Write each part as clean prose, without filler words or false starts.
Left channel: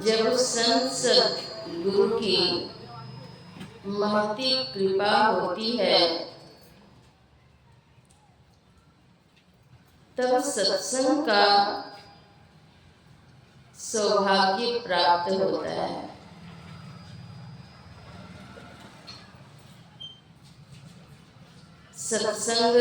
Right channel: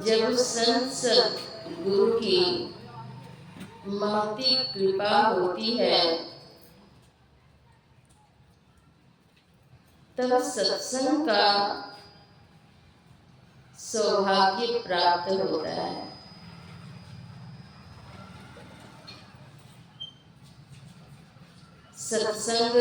जब संत सद्गुरु की महती कृपा होती है तब सत्संग का सौभाग्य प्राप्त होता है। सत्संग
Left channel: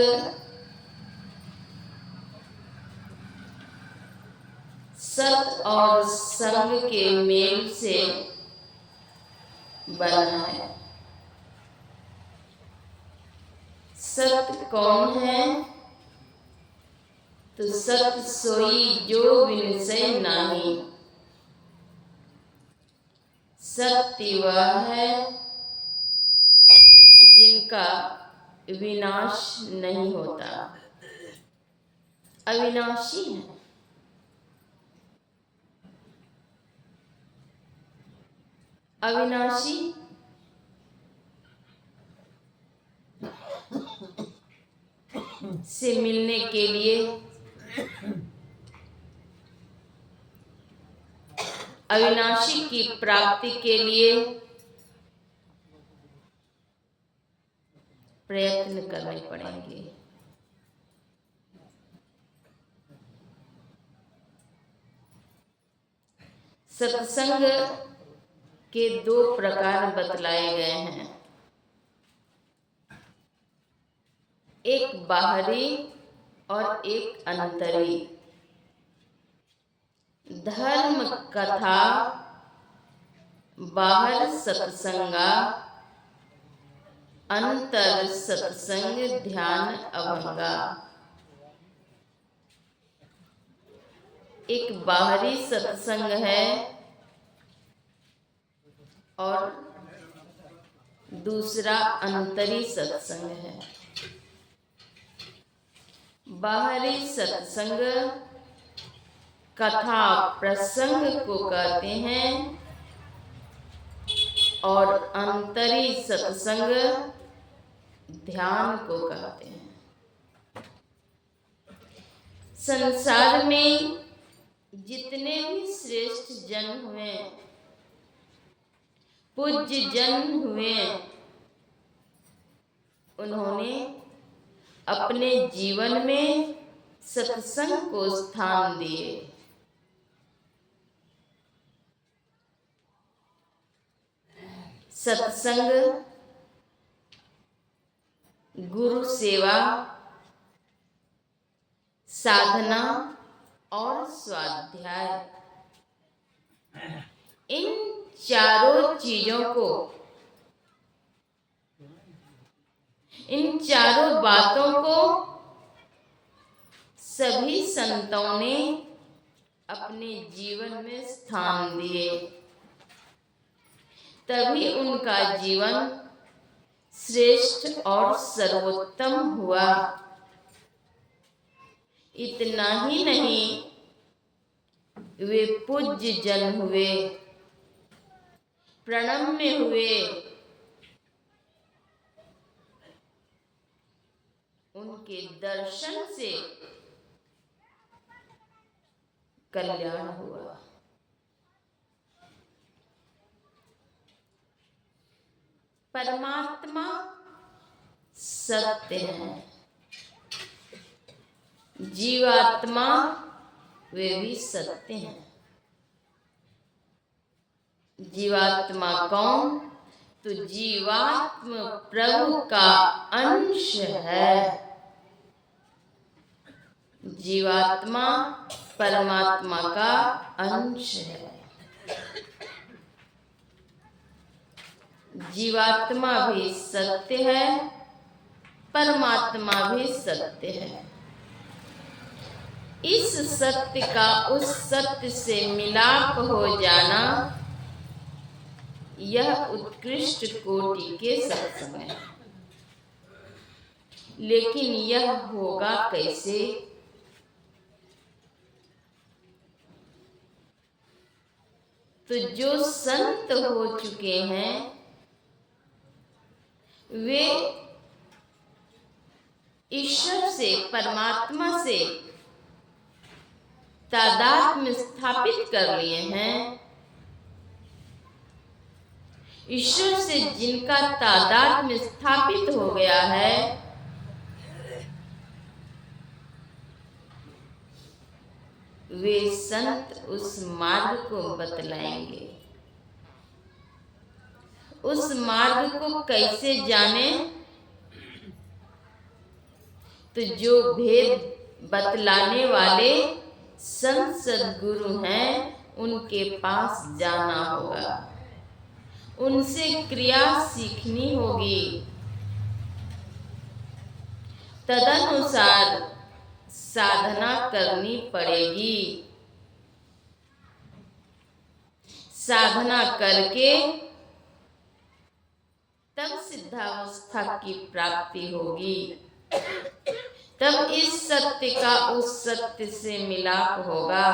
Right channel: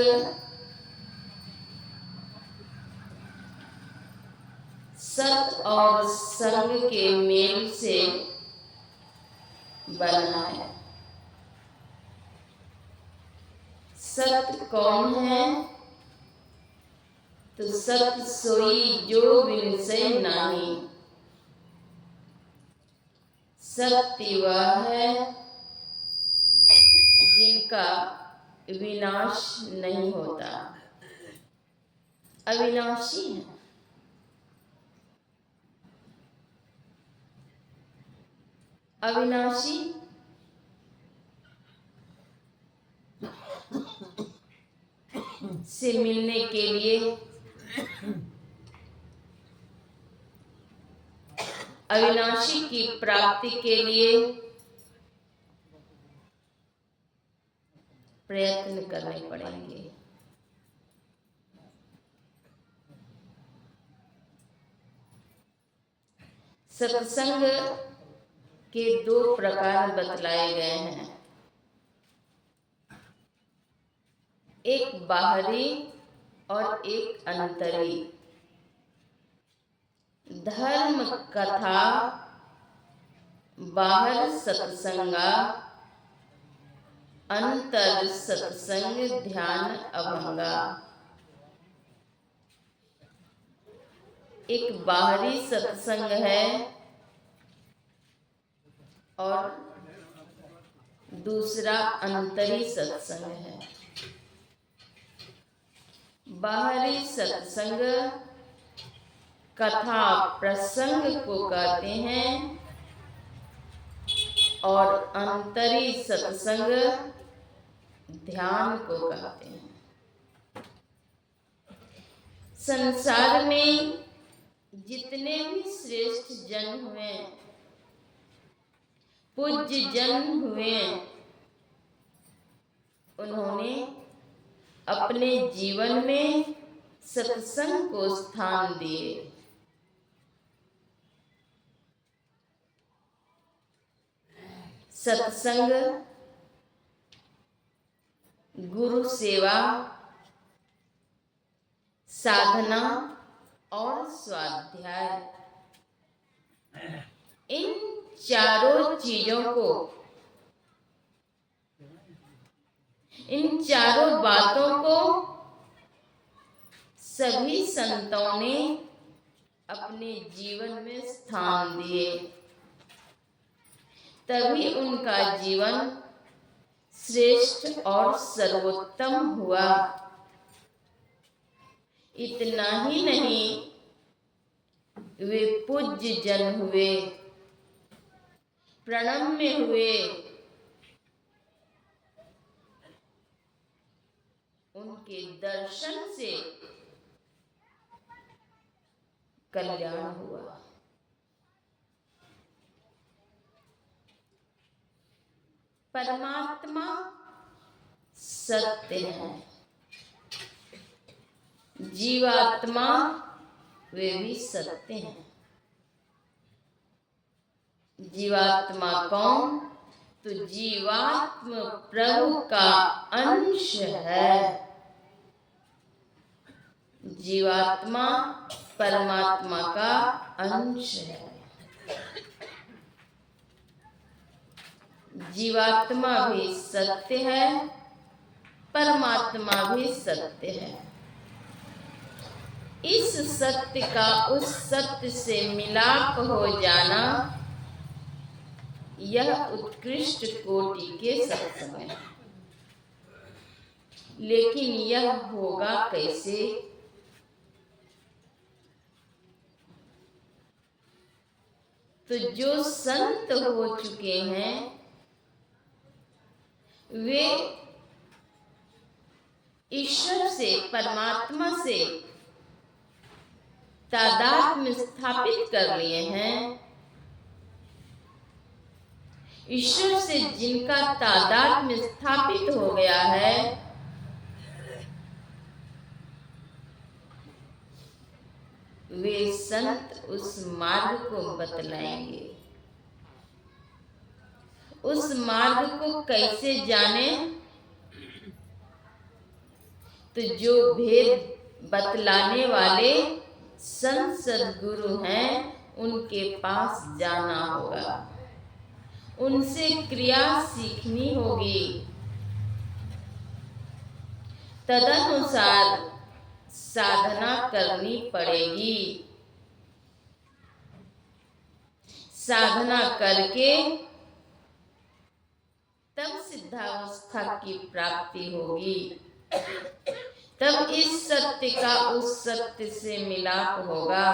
सत और संग के मेल से बना है। सत कौन है? तो सत सोई जो विनसै नाही। सत्य वह है जिनका विनाश नहीं होता, अविनाशी है। अविनाशी से मिलने के लिए अविनाशी की प्राप्ति के लिए प्रयत्न करने पड़ेंगे। सत्संग के दो प्रकार बतलाए गए हैं, एक बाहरी और एक अंतरी। धर्म कथा बाहर सत्संगा, अंतर सत्संग ध्यान अभंगा। एक बाहरी सत्संग है और दूसरा अंतरी सत्संग है। बाहरी सत्संग कथा प्रसंग को कहते हैं और अंतरी सत्संग ध्यान को कहते हैं। संसार में जितने भी श्रेष्ठ जन हुए, पूज्य जन हुए, उन्होंने अपने जीवन में सत्संग को स्थान दिए। सत्संग, गुरु सेवा, साधना और स्वाध्याय, इन चारों चीजों को, इन चारों बातों को सभी संतों ने अपने जीवन में स्थान दिए, तभी उनका जीवन श्रेष्ठ और सर्वोत्तम हुआ। इतना ही नहीं, वे पूज्य जन हुए, प्रणम्य हुए, उनके दर्शन से कल्याण हुआ। परमात्मा सत्य है, जीवात्मा वे भी सत्य हैं। जीवात्मा कौन? तो जीवात्मा प्रभु का अंश है। जीवात्मा परमात्मा का अंश है। जीवात्मा भी सत्य है, परमात्मा भी सत्य है। इस सत्य का उस सत्य से मिलाप हो जाना, यह उत्कृष्ट कोटि के सत्संग है। लेकिन यह होगा कैसे? तो जो संत हो चुके हैं वे ईश्वर से, परमात्मा से तादात्म्य स्थापित कर लिए हैं, ईश्वर से जिनका तादात्म्य स्थापित हो गया है, वे संत उस मार्ग को बतलाएंगे। उस मार्ग को कैसे जाने? तो जो भेद बतलाने वाले संत सद्गुरु हैं, उनके पास जाना होगा, उनसे क्रिया सीखनी होगी, तदनुसार साधना करनी पड़ेगी। साधना करके तब सिद्धावस्था की प्राप्ति होगी। तब इस सत्य का उस सत्य से मिलाप होगा।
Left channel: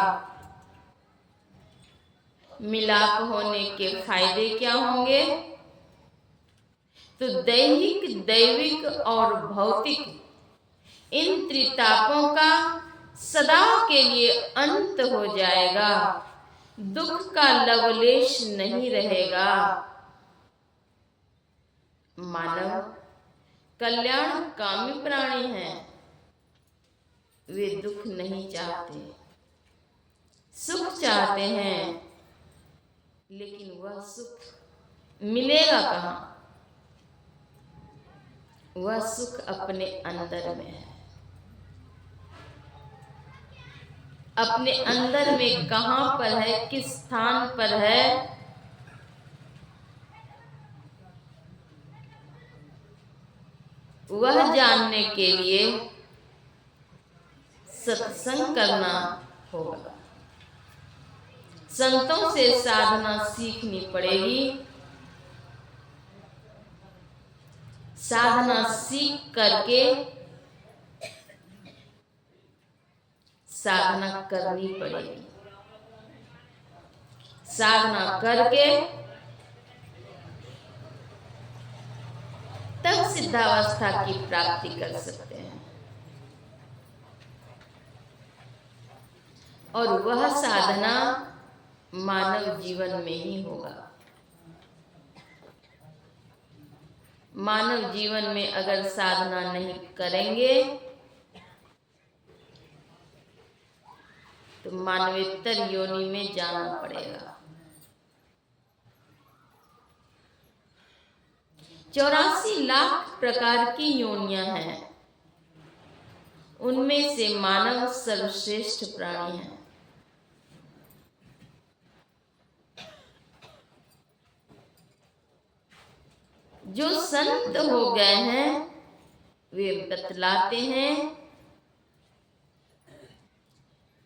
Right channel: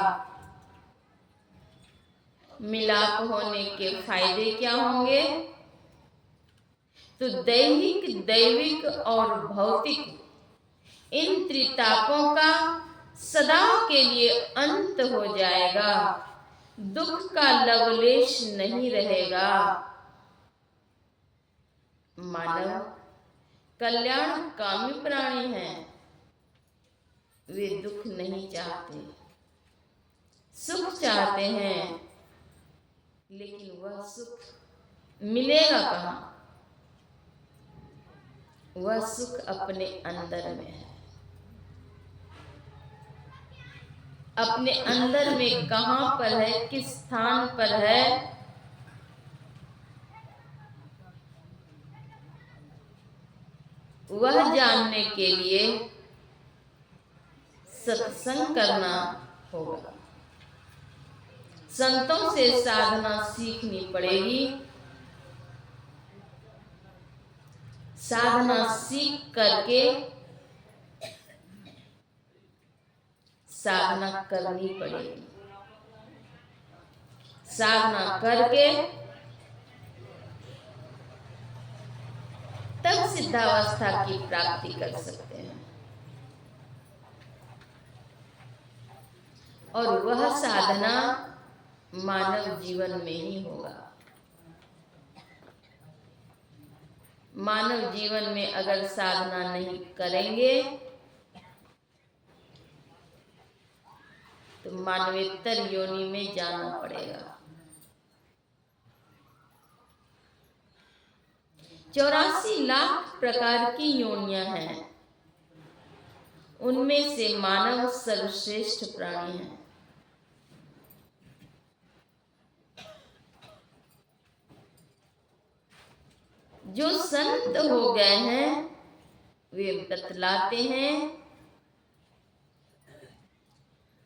मिलाप होने के फायदे क्या होंगे? तो दैहिक, दैविक और भौतिक इन त्रितापों का सदा के लिए अंत हो जाएगा। दुख का लवलेश नहीं रहेगा। मानव कल्याण कामी प्राणी हैं। वे दुख नहीं चाहते, सुख चाहते हैं, लेकिन वह सुख मिलेगा कहाँ? वह सुख अपने अंदर में है। अपने अंदर में कहाँ पर है, किस स्थान पर है, वह जानने के लिए सत्संग करना होगा। संतों से साधना सीखनी पड़ेगी। साधना सीख करके साधना करनी पड़ेगी। साधना करके तब सिद्धावस्था की प्राप्ति कर सकते हैं। और वह साधना मानव जीवन में ही होगा। मानव जीवन में अगर साधना नहीं करेंगे तो मानवेतर योनि में जाना पड़ेगा। 84 लाख प्रकार की योनियां हैं। उनमें से मानव सर्वश्रेष्ठ प्राणी है। जो संत हो गए हैं वे बतलाते हैं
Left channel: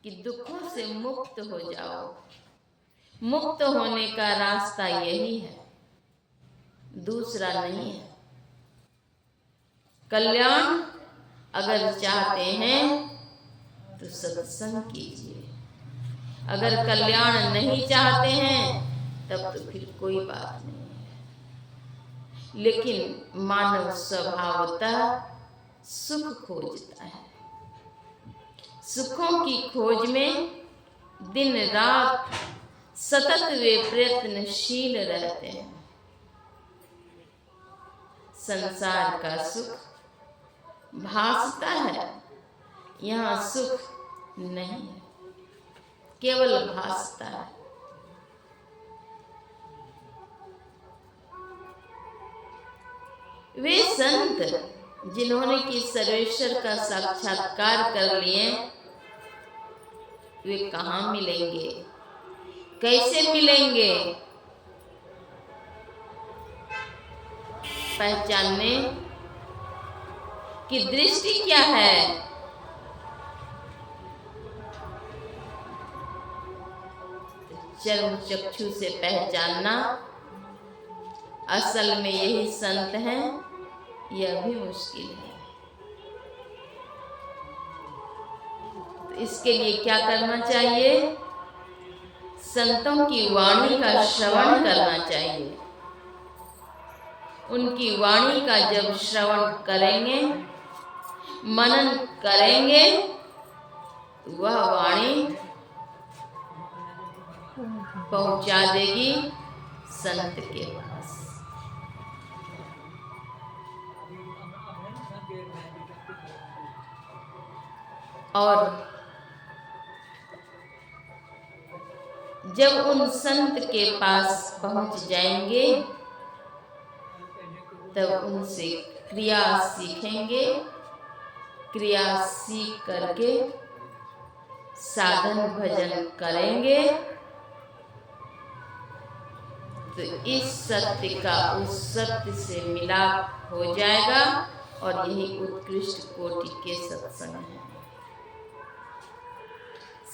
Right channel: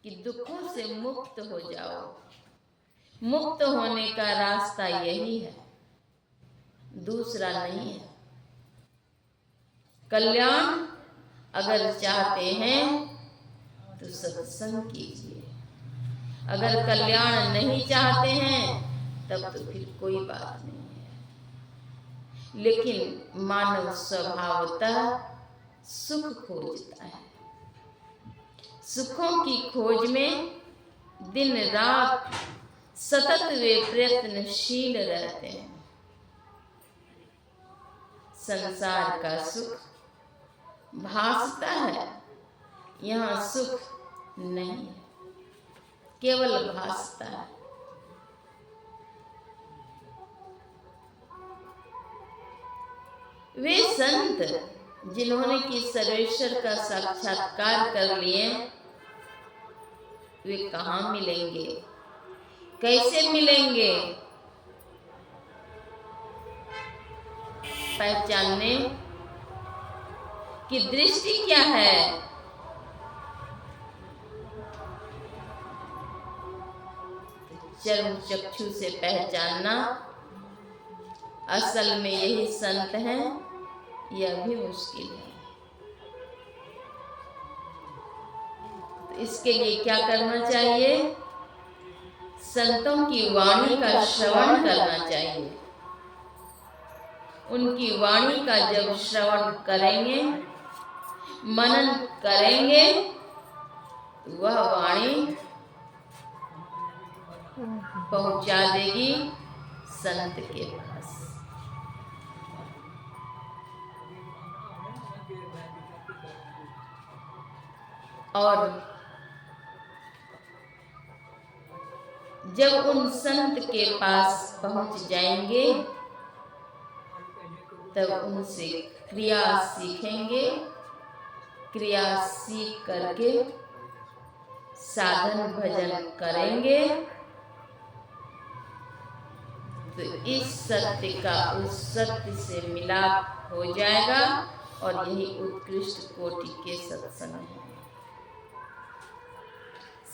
कि दुखों से मुक्त हो जाओ। मुक्त होने का रास्ता यही है, दूसरा नहीं है। कल्याण अगर चाहते हैं तो सत्संग कीजिए। अगर कल्याण नहीं चाहते हैं तब तो फिर कोई बात नहीं है। लेकिन मानव स्वभावतः सुख खोजता है। सुखों की खोज में दिन रात सतत वे प्रयत्नशील रहते हैं। संसार का सुख भासता है, यहाँ सुख नहीं है, केवल भासता है। वे संत जिन्होंने कि सर्वेश्वर का साक्षात्कार कर लिए, वे कहाँ मिलेंगे, कैसे मिलेंगे? पहचानने की दृष्टि क्या है? चर्म चक्षु से पहचानना असल में यही संत हैं, यह भी मुश्किल है। तो इसके लिए क्या करना चाहिए? संतों की वाणी का श्रवण करना चाहिए। उनकी वाणी का जब श्रवण करेंगे, मनन करेंगे, वह वाणी पहुंचा देगी संत के पास। और जब उन संत के पास पहुंच जाएंगे तब उनसे क्रिया सीखेंगे। क्रिया सीख करके साधन भजन करेंगे तो इस सत्य का उस सत्य से मिलाप हो जाएगा। और यही उत्कृष्ट कोटि के सत्संग है।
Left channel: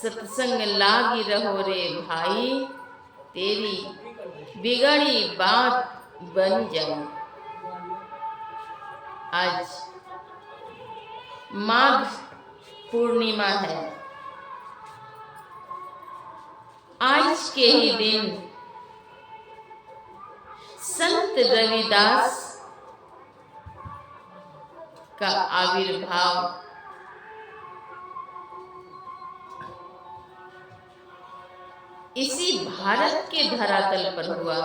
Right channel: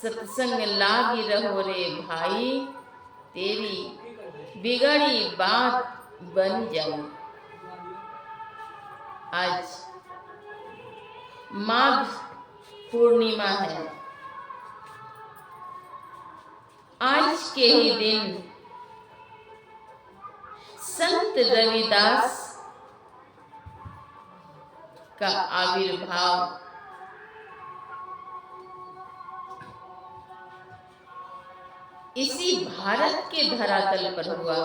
सत्संग लागी रहो रे भाई, तेरी बिगड़ी बात बन जाए। आज माघ पूर्णिमा है। आज के ही दिन संत रविदास का आविर्भाव इसी भारत के धरातल पर हुआ।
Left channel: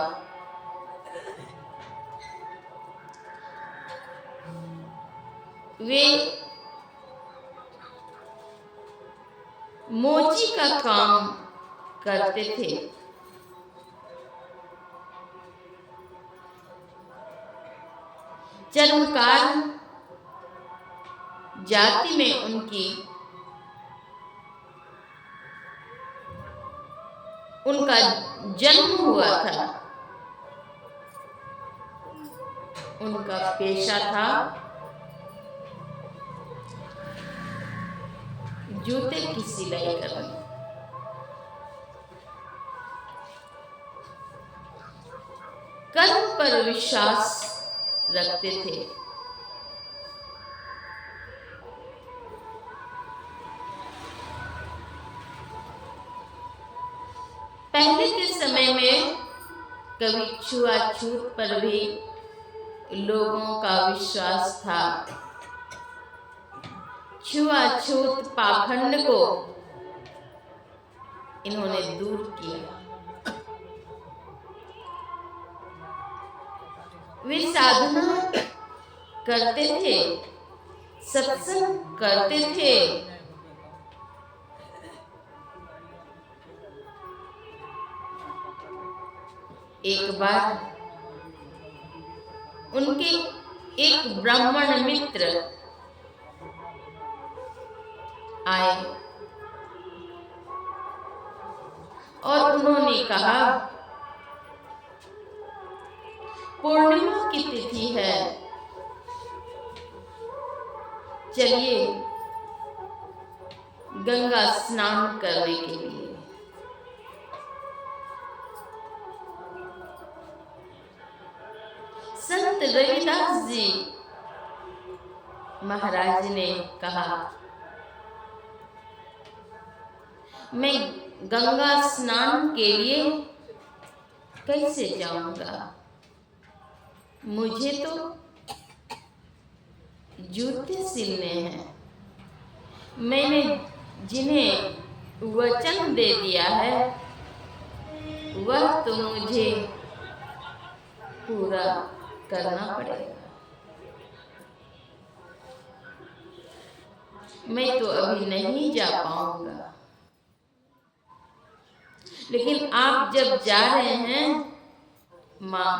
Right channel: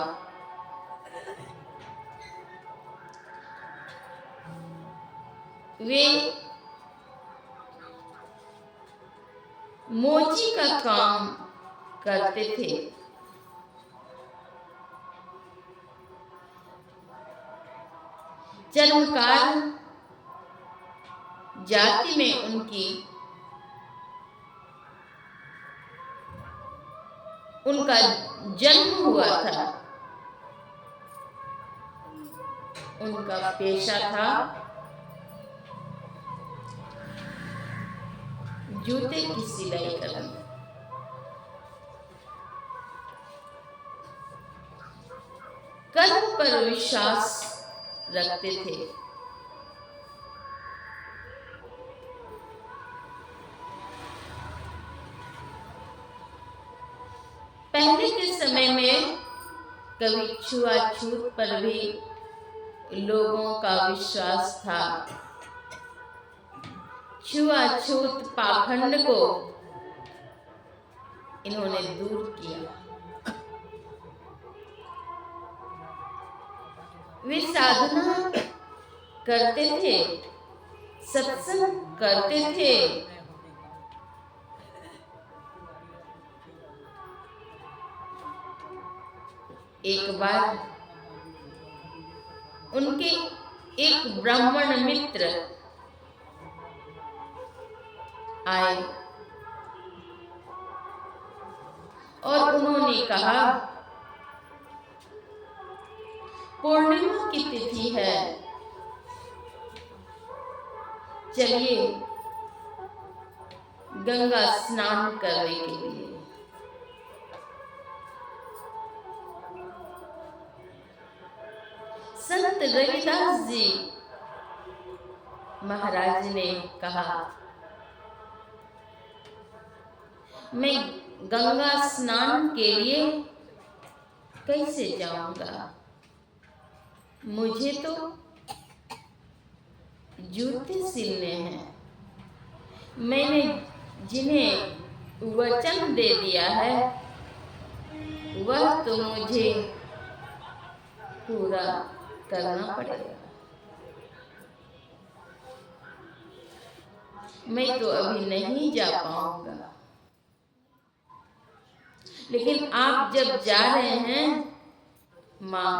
वे मोची का काम करते थे। चर्मकार जाति में उनका जन्म हुआ था। उनका पेशा था जूते की सिलाई करना। कर्म पर विश्वास रखते थे। पहले के समय में कभी छुआछूत पर भी लोगों का विश्वास था। छुआछूत पाखंड को इन्होंने दूर किया। वे साधना करते थे, सत्संग करते थे, एक बार उनके एक ब्राह्मण मित्र आए और उन्होंने कहा, पूर्णिमा की तिथि है, चलिए गंगा स्नान करने के लिए। संत रविदास जी महाराज ने कहा, मैं गंगा स्नान के लिए कैसे जाऊंगा? मुझे तो जूते सिलने हैं। मैंने जिन्हें वचन दे दिया है वह तो मुझे पूरा करना पड़ेगा। मैं तो अभी नहीं जा पाऊंगा, लेकिन आप जब जा रहे हैं माँ,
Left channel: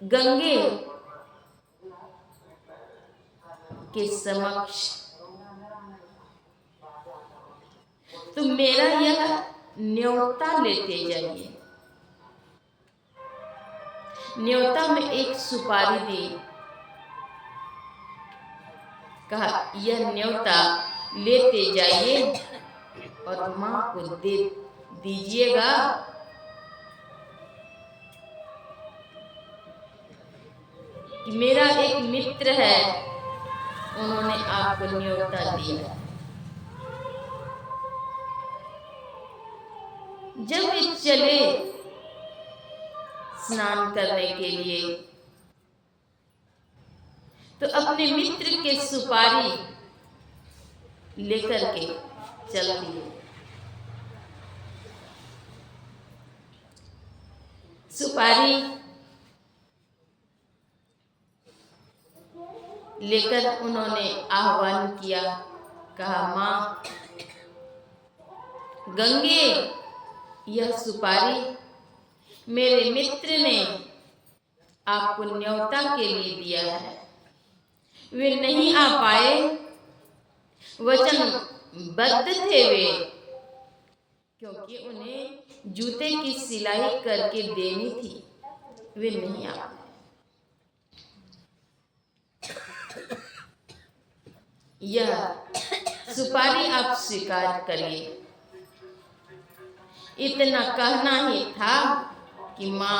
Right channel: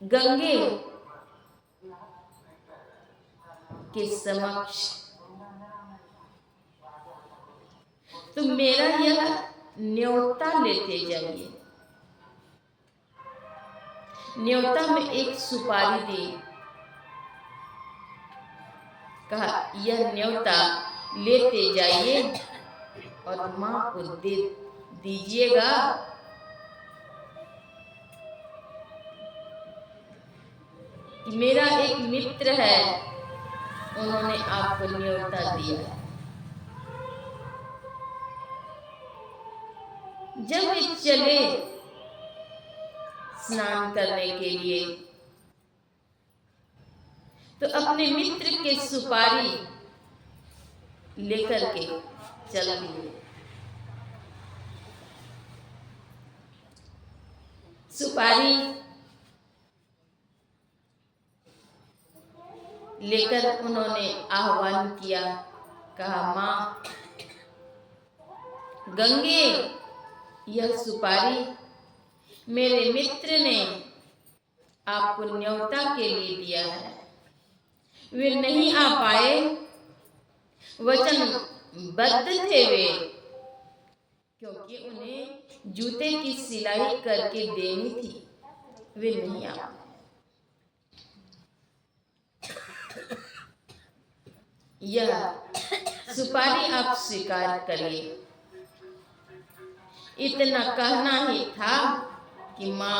गंगे के समक्ष तो मेरा यह न्योता लेते जाइए। न्योता में एक सुपारी दी, कहा यह न्योता लेते जाइए और माँ को दे दीजिएगा। कि मेरा एक मित्र है, उन्होंने आपको न्योता दिया है। जब वे चले स्नान करने के लिए तो अपने मित्र के सुपारी लेकर के चल दिए। सुपारी लेकर उन्होंने आह्वान किया, कहा, माँ गंगे, यह सुपारी मेरे मित्र ने आपको न्योता के लिए दिया है। वे नहीं आ पाए, वचनबद्ध थे वे, क्योंकि उन्हें जूते की सिलाई करके देनी थी, वे नहीं आ पाए। यह सुपारी आप स्वीकार करिए। इतना कहना ही था कि माँ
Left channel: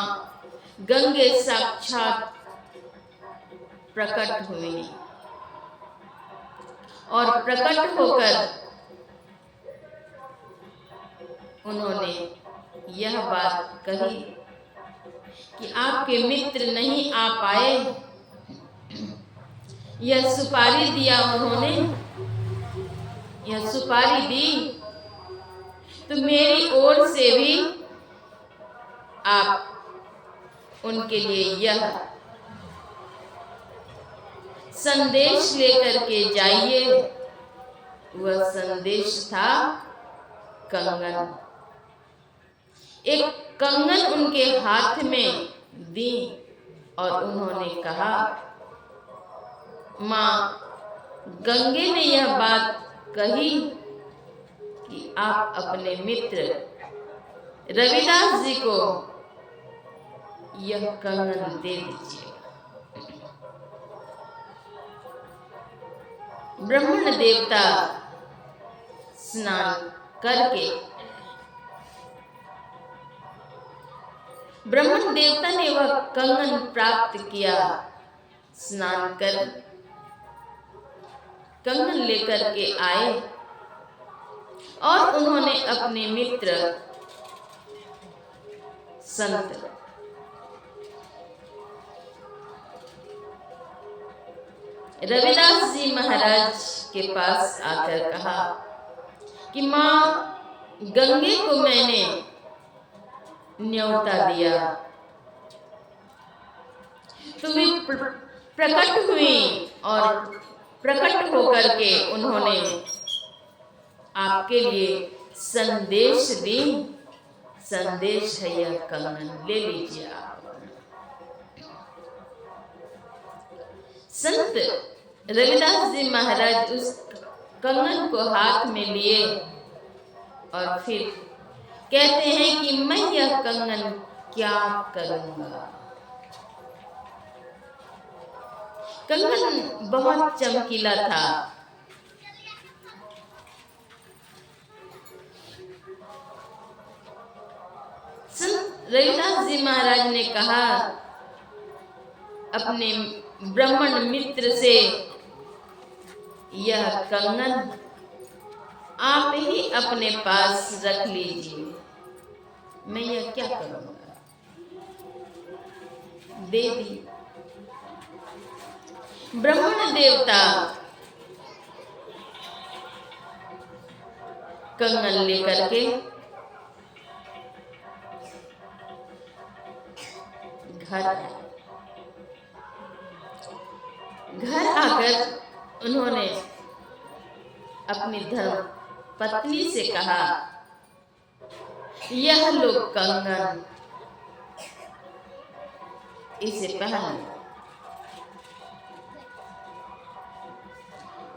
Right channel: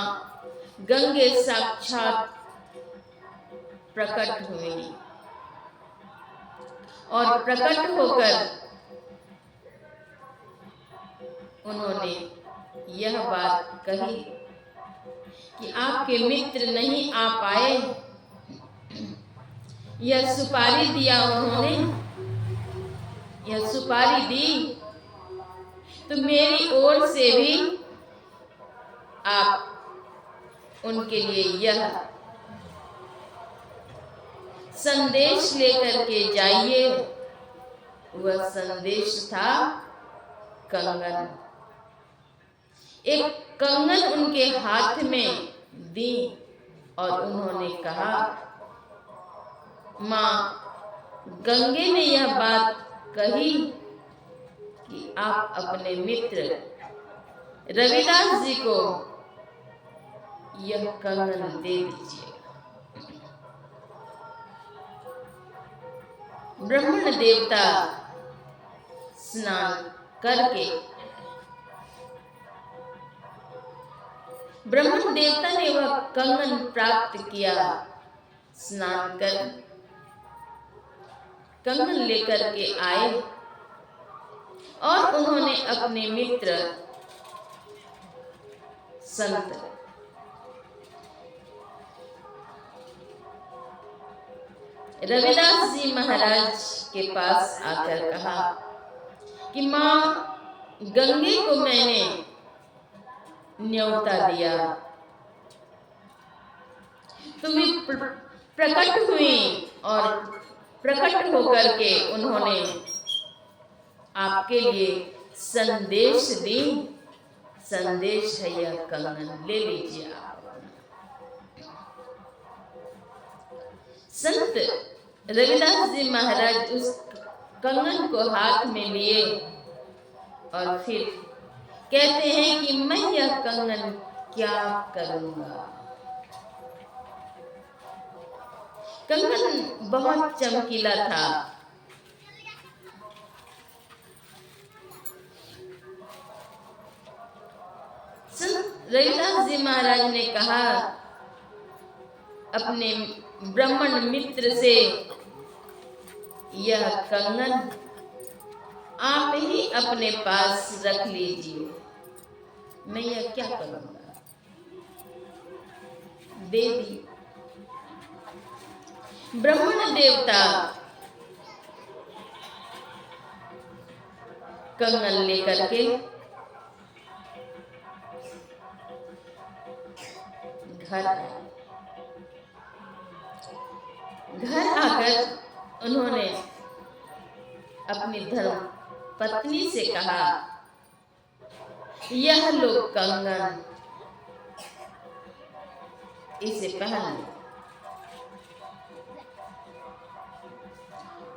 गंगे साक्षात प्रकट हुई और प्रकट होकर उन्होंने यह बात कही कि आपके मित्र नहीं आ पाए। यह सुपारी दिया उन्होंने, यह सुपारी दी तो मेरी ओर से भी आप उनके लिए यह संदेश लेकर के जाइए। वह संदेश था कंगन। एक कंगन उनके हाथ में दी और उन्होंने कहा, माँ गंगे ने यह बात कही कि आप अपने मित्र रविदास जी को यह कंगन दे दीजिए। ब्राह्मण देवता स्नान करके ब्राह्मण देवता ने वह कंगन प्राप्त किया। स्नान कर कंगन लेकर के आए और उन्होंने अपने मित्र संत रविदास जी महाराज के पास आकर कहा कि माँ गंगे को मैंने न्योता दिया तो वे प्रकट हुई और प्रकट होकर के उन्होंने आपके लिए संदेश दी। संदेश है यह कंगन, ले लीजिए आप। संत रविदास जी महाराज उस कंगन को हाथ में लिए और फिर कहते हैं कि मैं यह कंगन क्या करूंगा। कंगन बहुत चमकीला था। संत रविदास जी महाराज ने कहा अपने ब्राह्मण मित्र से, यह कंगन आप ही अपने पास रख लीजिए, मैं यह क्या करूंगा। दे दी। ब्राह्मण देवता कंगन लेकर के घर आकर उन्होंने अपनी धर्म पत्नी से कहा, यह लो कंगन, इसे पहन लो।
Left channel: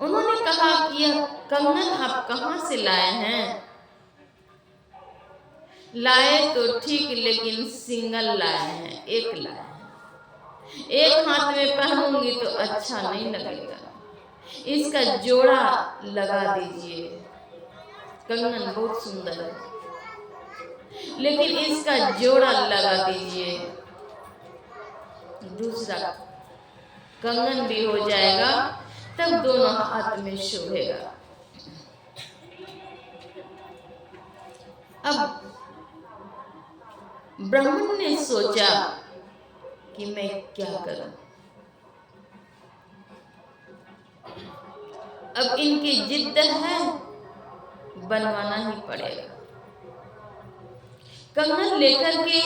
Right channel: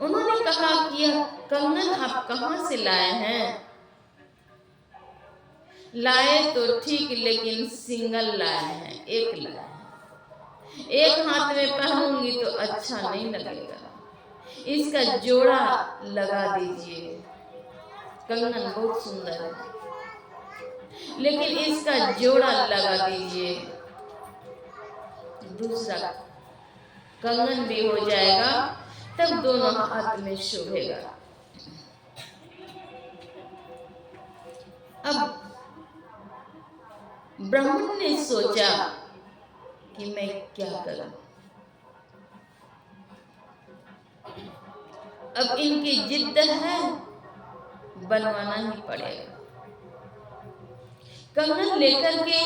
उन्होंने कहा कि यह कंगन आप कहाँ से लाए हैं? लाए तो ठीक, लेकिन सिंगल लाए हैं, एक लाए हैं। एक हाथ में पहनूंगी तो अच्छा नहीं लगेगा, इसका जोड़ा लगा दीजिए। कंगन बहुत सुंदर है, लेकिन इसका जोड़ा लगा दीजिए, दूसरा कंगन भी हो जाएगा, तब दोनों हाथ में शोभेगा। अब ब्राह्मण ने सोचा कि मैं क्या करूं। अब इनकी जिद्द है, बनवाना ही पड़ेगा। कंगन लेकर के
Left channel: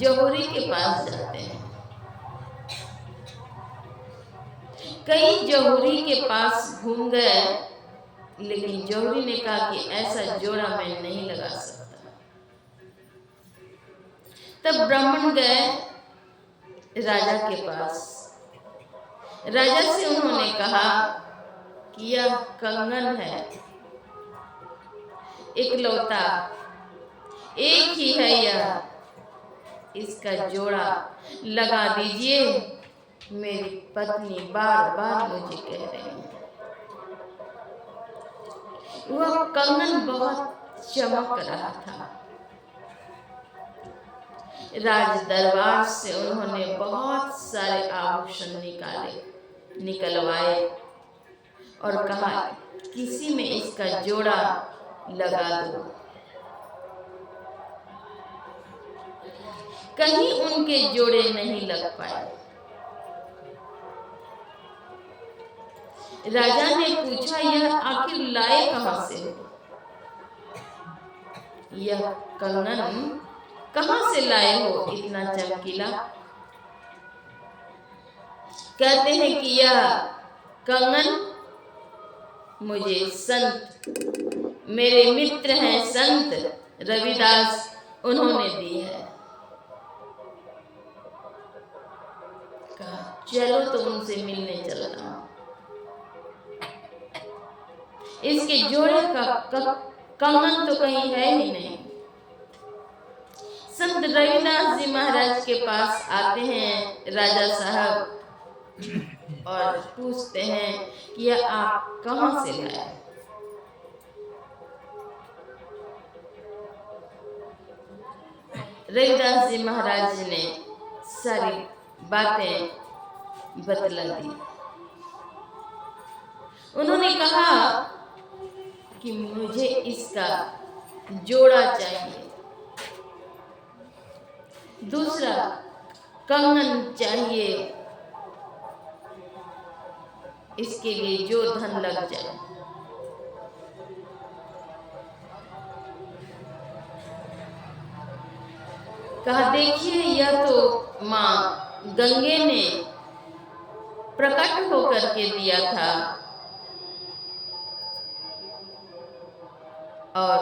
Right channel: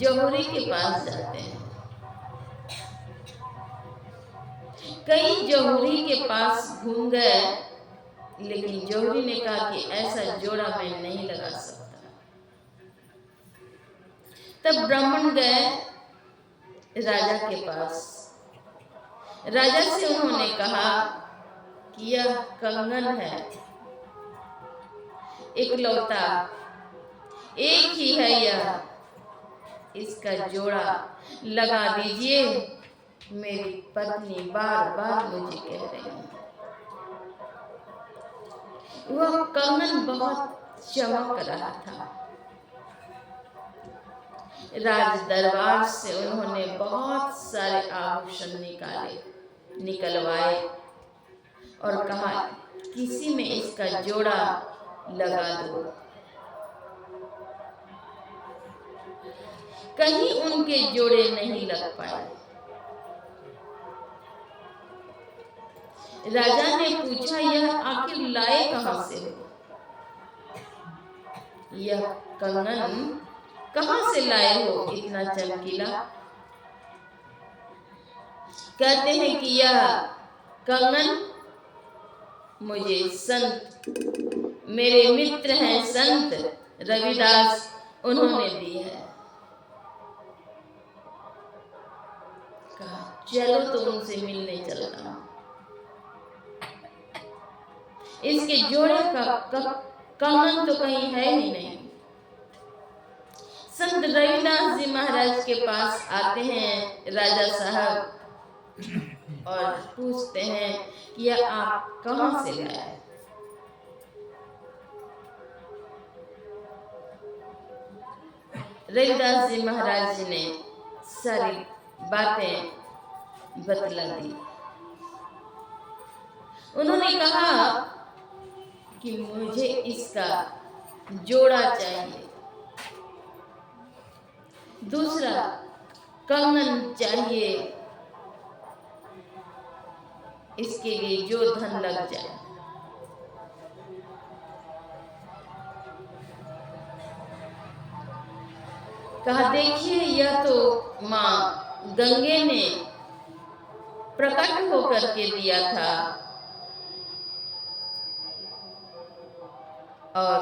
जौहरी के पास जाते हैं। कई जौहरी के पास घूम गए, लेकिन जौहरी ने कहा कि ऐसा जोड़ा मैं नहीं लगा सकता। तब ब्राह्मण गए राजा के पास। राजा से उन्होंने कहा कि यह कंगन है, इकलौता एक ही है यह, इसका जोड़ा लगा दीजिए। मेरी पत्नी बार बार मुझे कह रही है। वह कंगन बहुत चमक रहा था। राज दरबार से उन्होंने बहुत सारे आभूषण निकलवाए और कहा किसी में इसका जोड़ा लगा दो। कहीं उनके जोड़े नहीं लग पाए। राजा ने पूछा, यह आखिर लाए कहां से हो? यह कंगन कहां से लाए हो इतना चमकीला? कहते हैं कि यह कंगन मुझे संत, मेरे मित्र हैं संत रविदास, उन्होंने दी है। कहा चलो तो उनसे मिलने चलता हूं। इसके जोड़े का कंगन तो कहीं है ही नहीं। संत रविदास जी महाराज के पास आते हैं राजा साहब और पूछते हैं कि यह आप कहां से लाए? रविदास जी महाराज जी ने सारी बातें बतला दी। उन्होंने कहा कि मुझे इसका जोड़ा चाहिए, दूसरा कंगन चाहिए, इसके लिए जो धन लग जाए। कहा देखिए यह तो माँ गंगे ने प्रकट होकर के दिया था और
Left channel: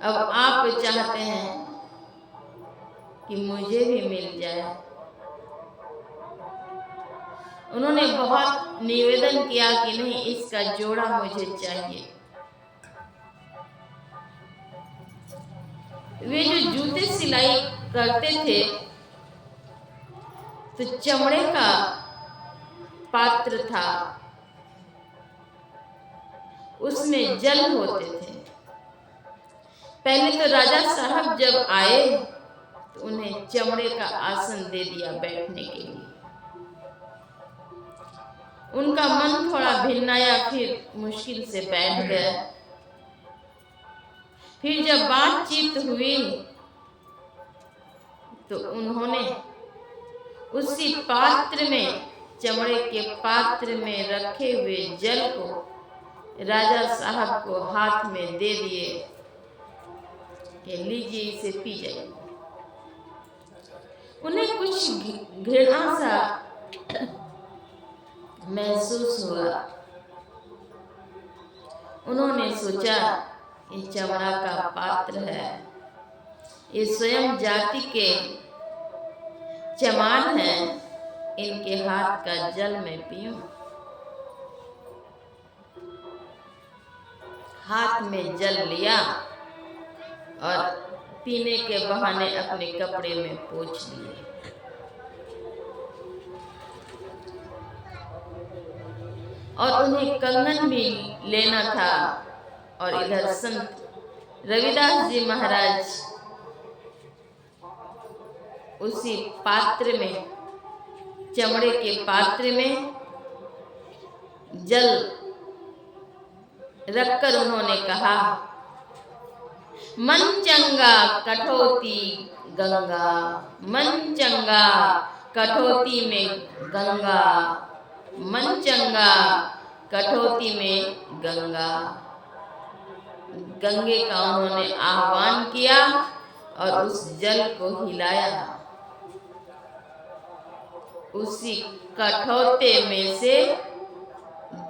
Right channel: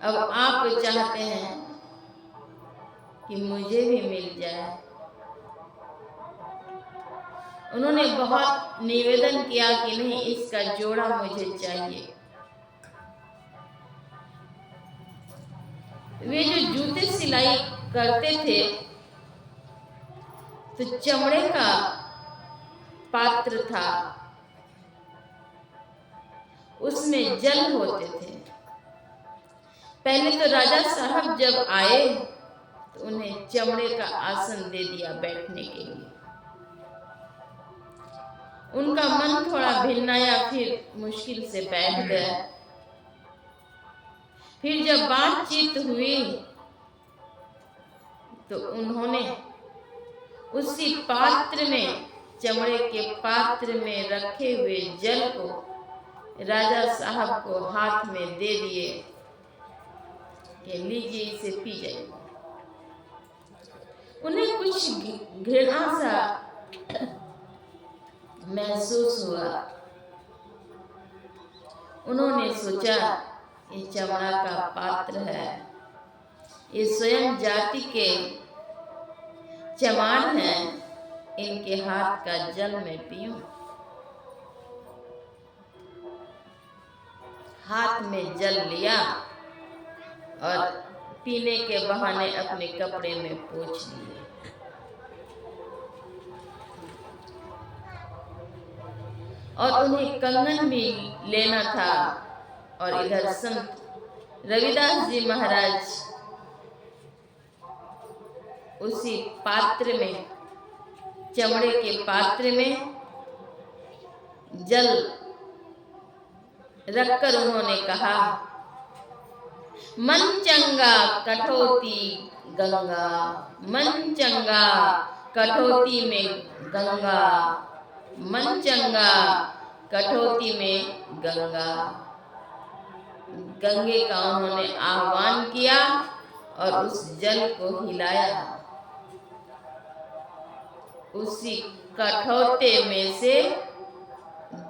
अब आप चाहते हैं कि मुझे भी मिल जाए। उन्होंने बहुत निवेदन किया कि नहीं, इसका जोड़ा मुझे चाहिए। वे जो जूते सिलाई करते थे तो चमड़े का पात्र था, उसमें जल होते थे। पहले तो राजा साहब जब आए तो उन्हें चमड़े का आसन दे दिया बैठने के लिए। उनका मन थोड़ा भिन्नाया, फिर मुश्किल से बैठ गए। फिर जब बातचीत हुई तो उन्होंने उसी पात्र में, चमड़े के पात्र में रखे हुए जल को राजा साहब को हाथ में दे दिए कि लीजिए इसे पी जाइए। उन्हें कुछ घृणा सा महसूस हुआ। उन्होंने सोचा ये चमड़ा का पात्र है, ये स्वयं जाति के चमार हैं, इनके हाथ का जल मैं पीऊं। हाथ में जल लिया और पीने के बहाने अपने कपड़े में पोंछ लिए। और उन्हें कंगन भी लेना था और इधर संत रविदास जी महाराज उसी पात्र में, चमड़े के पात्र में जल रखकर उन्होंने कहा, मन चंगा कठौती गंगा, मन चंगा कठौती में गंगा, मन चंगा कठौती में गंगा। गंगे का उन्होंने आह्वान किया और उस जल को हिलाया। उसी कठौते में से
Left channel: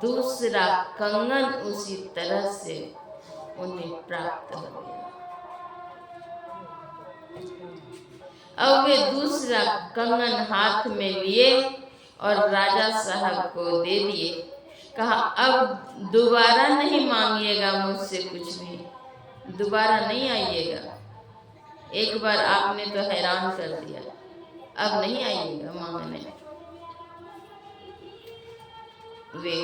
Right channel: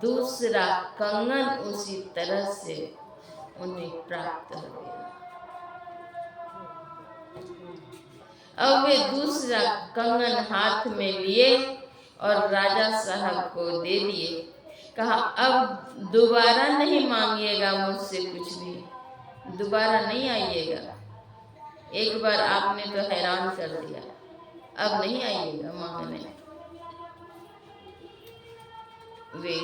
दूसरा कंगन उसी तरह से उन्हें प्राप्त हो गया। अब वे दूसरा कंगन हाथ में लिए और राजा साहब को दे दिए। कहा, अब दोबारा नहीं मांगिएगा मुझसे कुछ भी, दोबारा नहीं आइएगा। एक बार आपने तो हैरान कर दिया, अब नहीं आइएगा मांगने। वे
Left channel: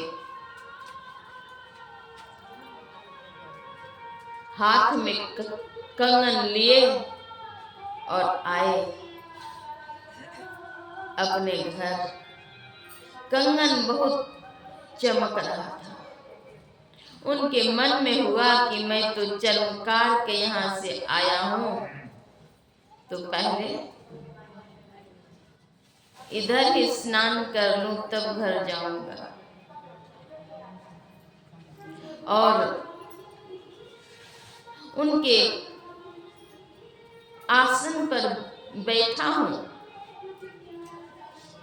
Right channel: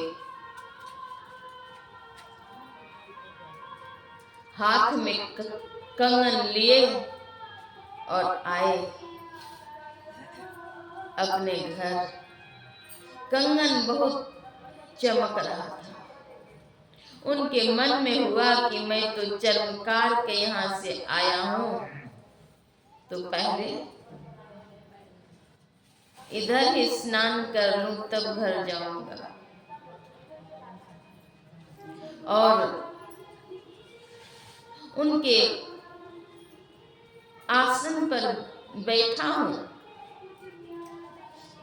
हाथ में कंगन लिए और आए अपने घर। कंगन बहुत चमक रहा था। उनके मन में हुआ कि मैं तो चर्मकार के यहाँ से आया हूँ, तो पहले इधर ही स्नान कर लूं तब घर जाऊंगा। और उनके आसन पर बैठा हूं,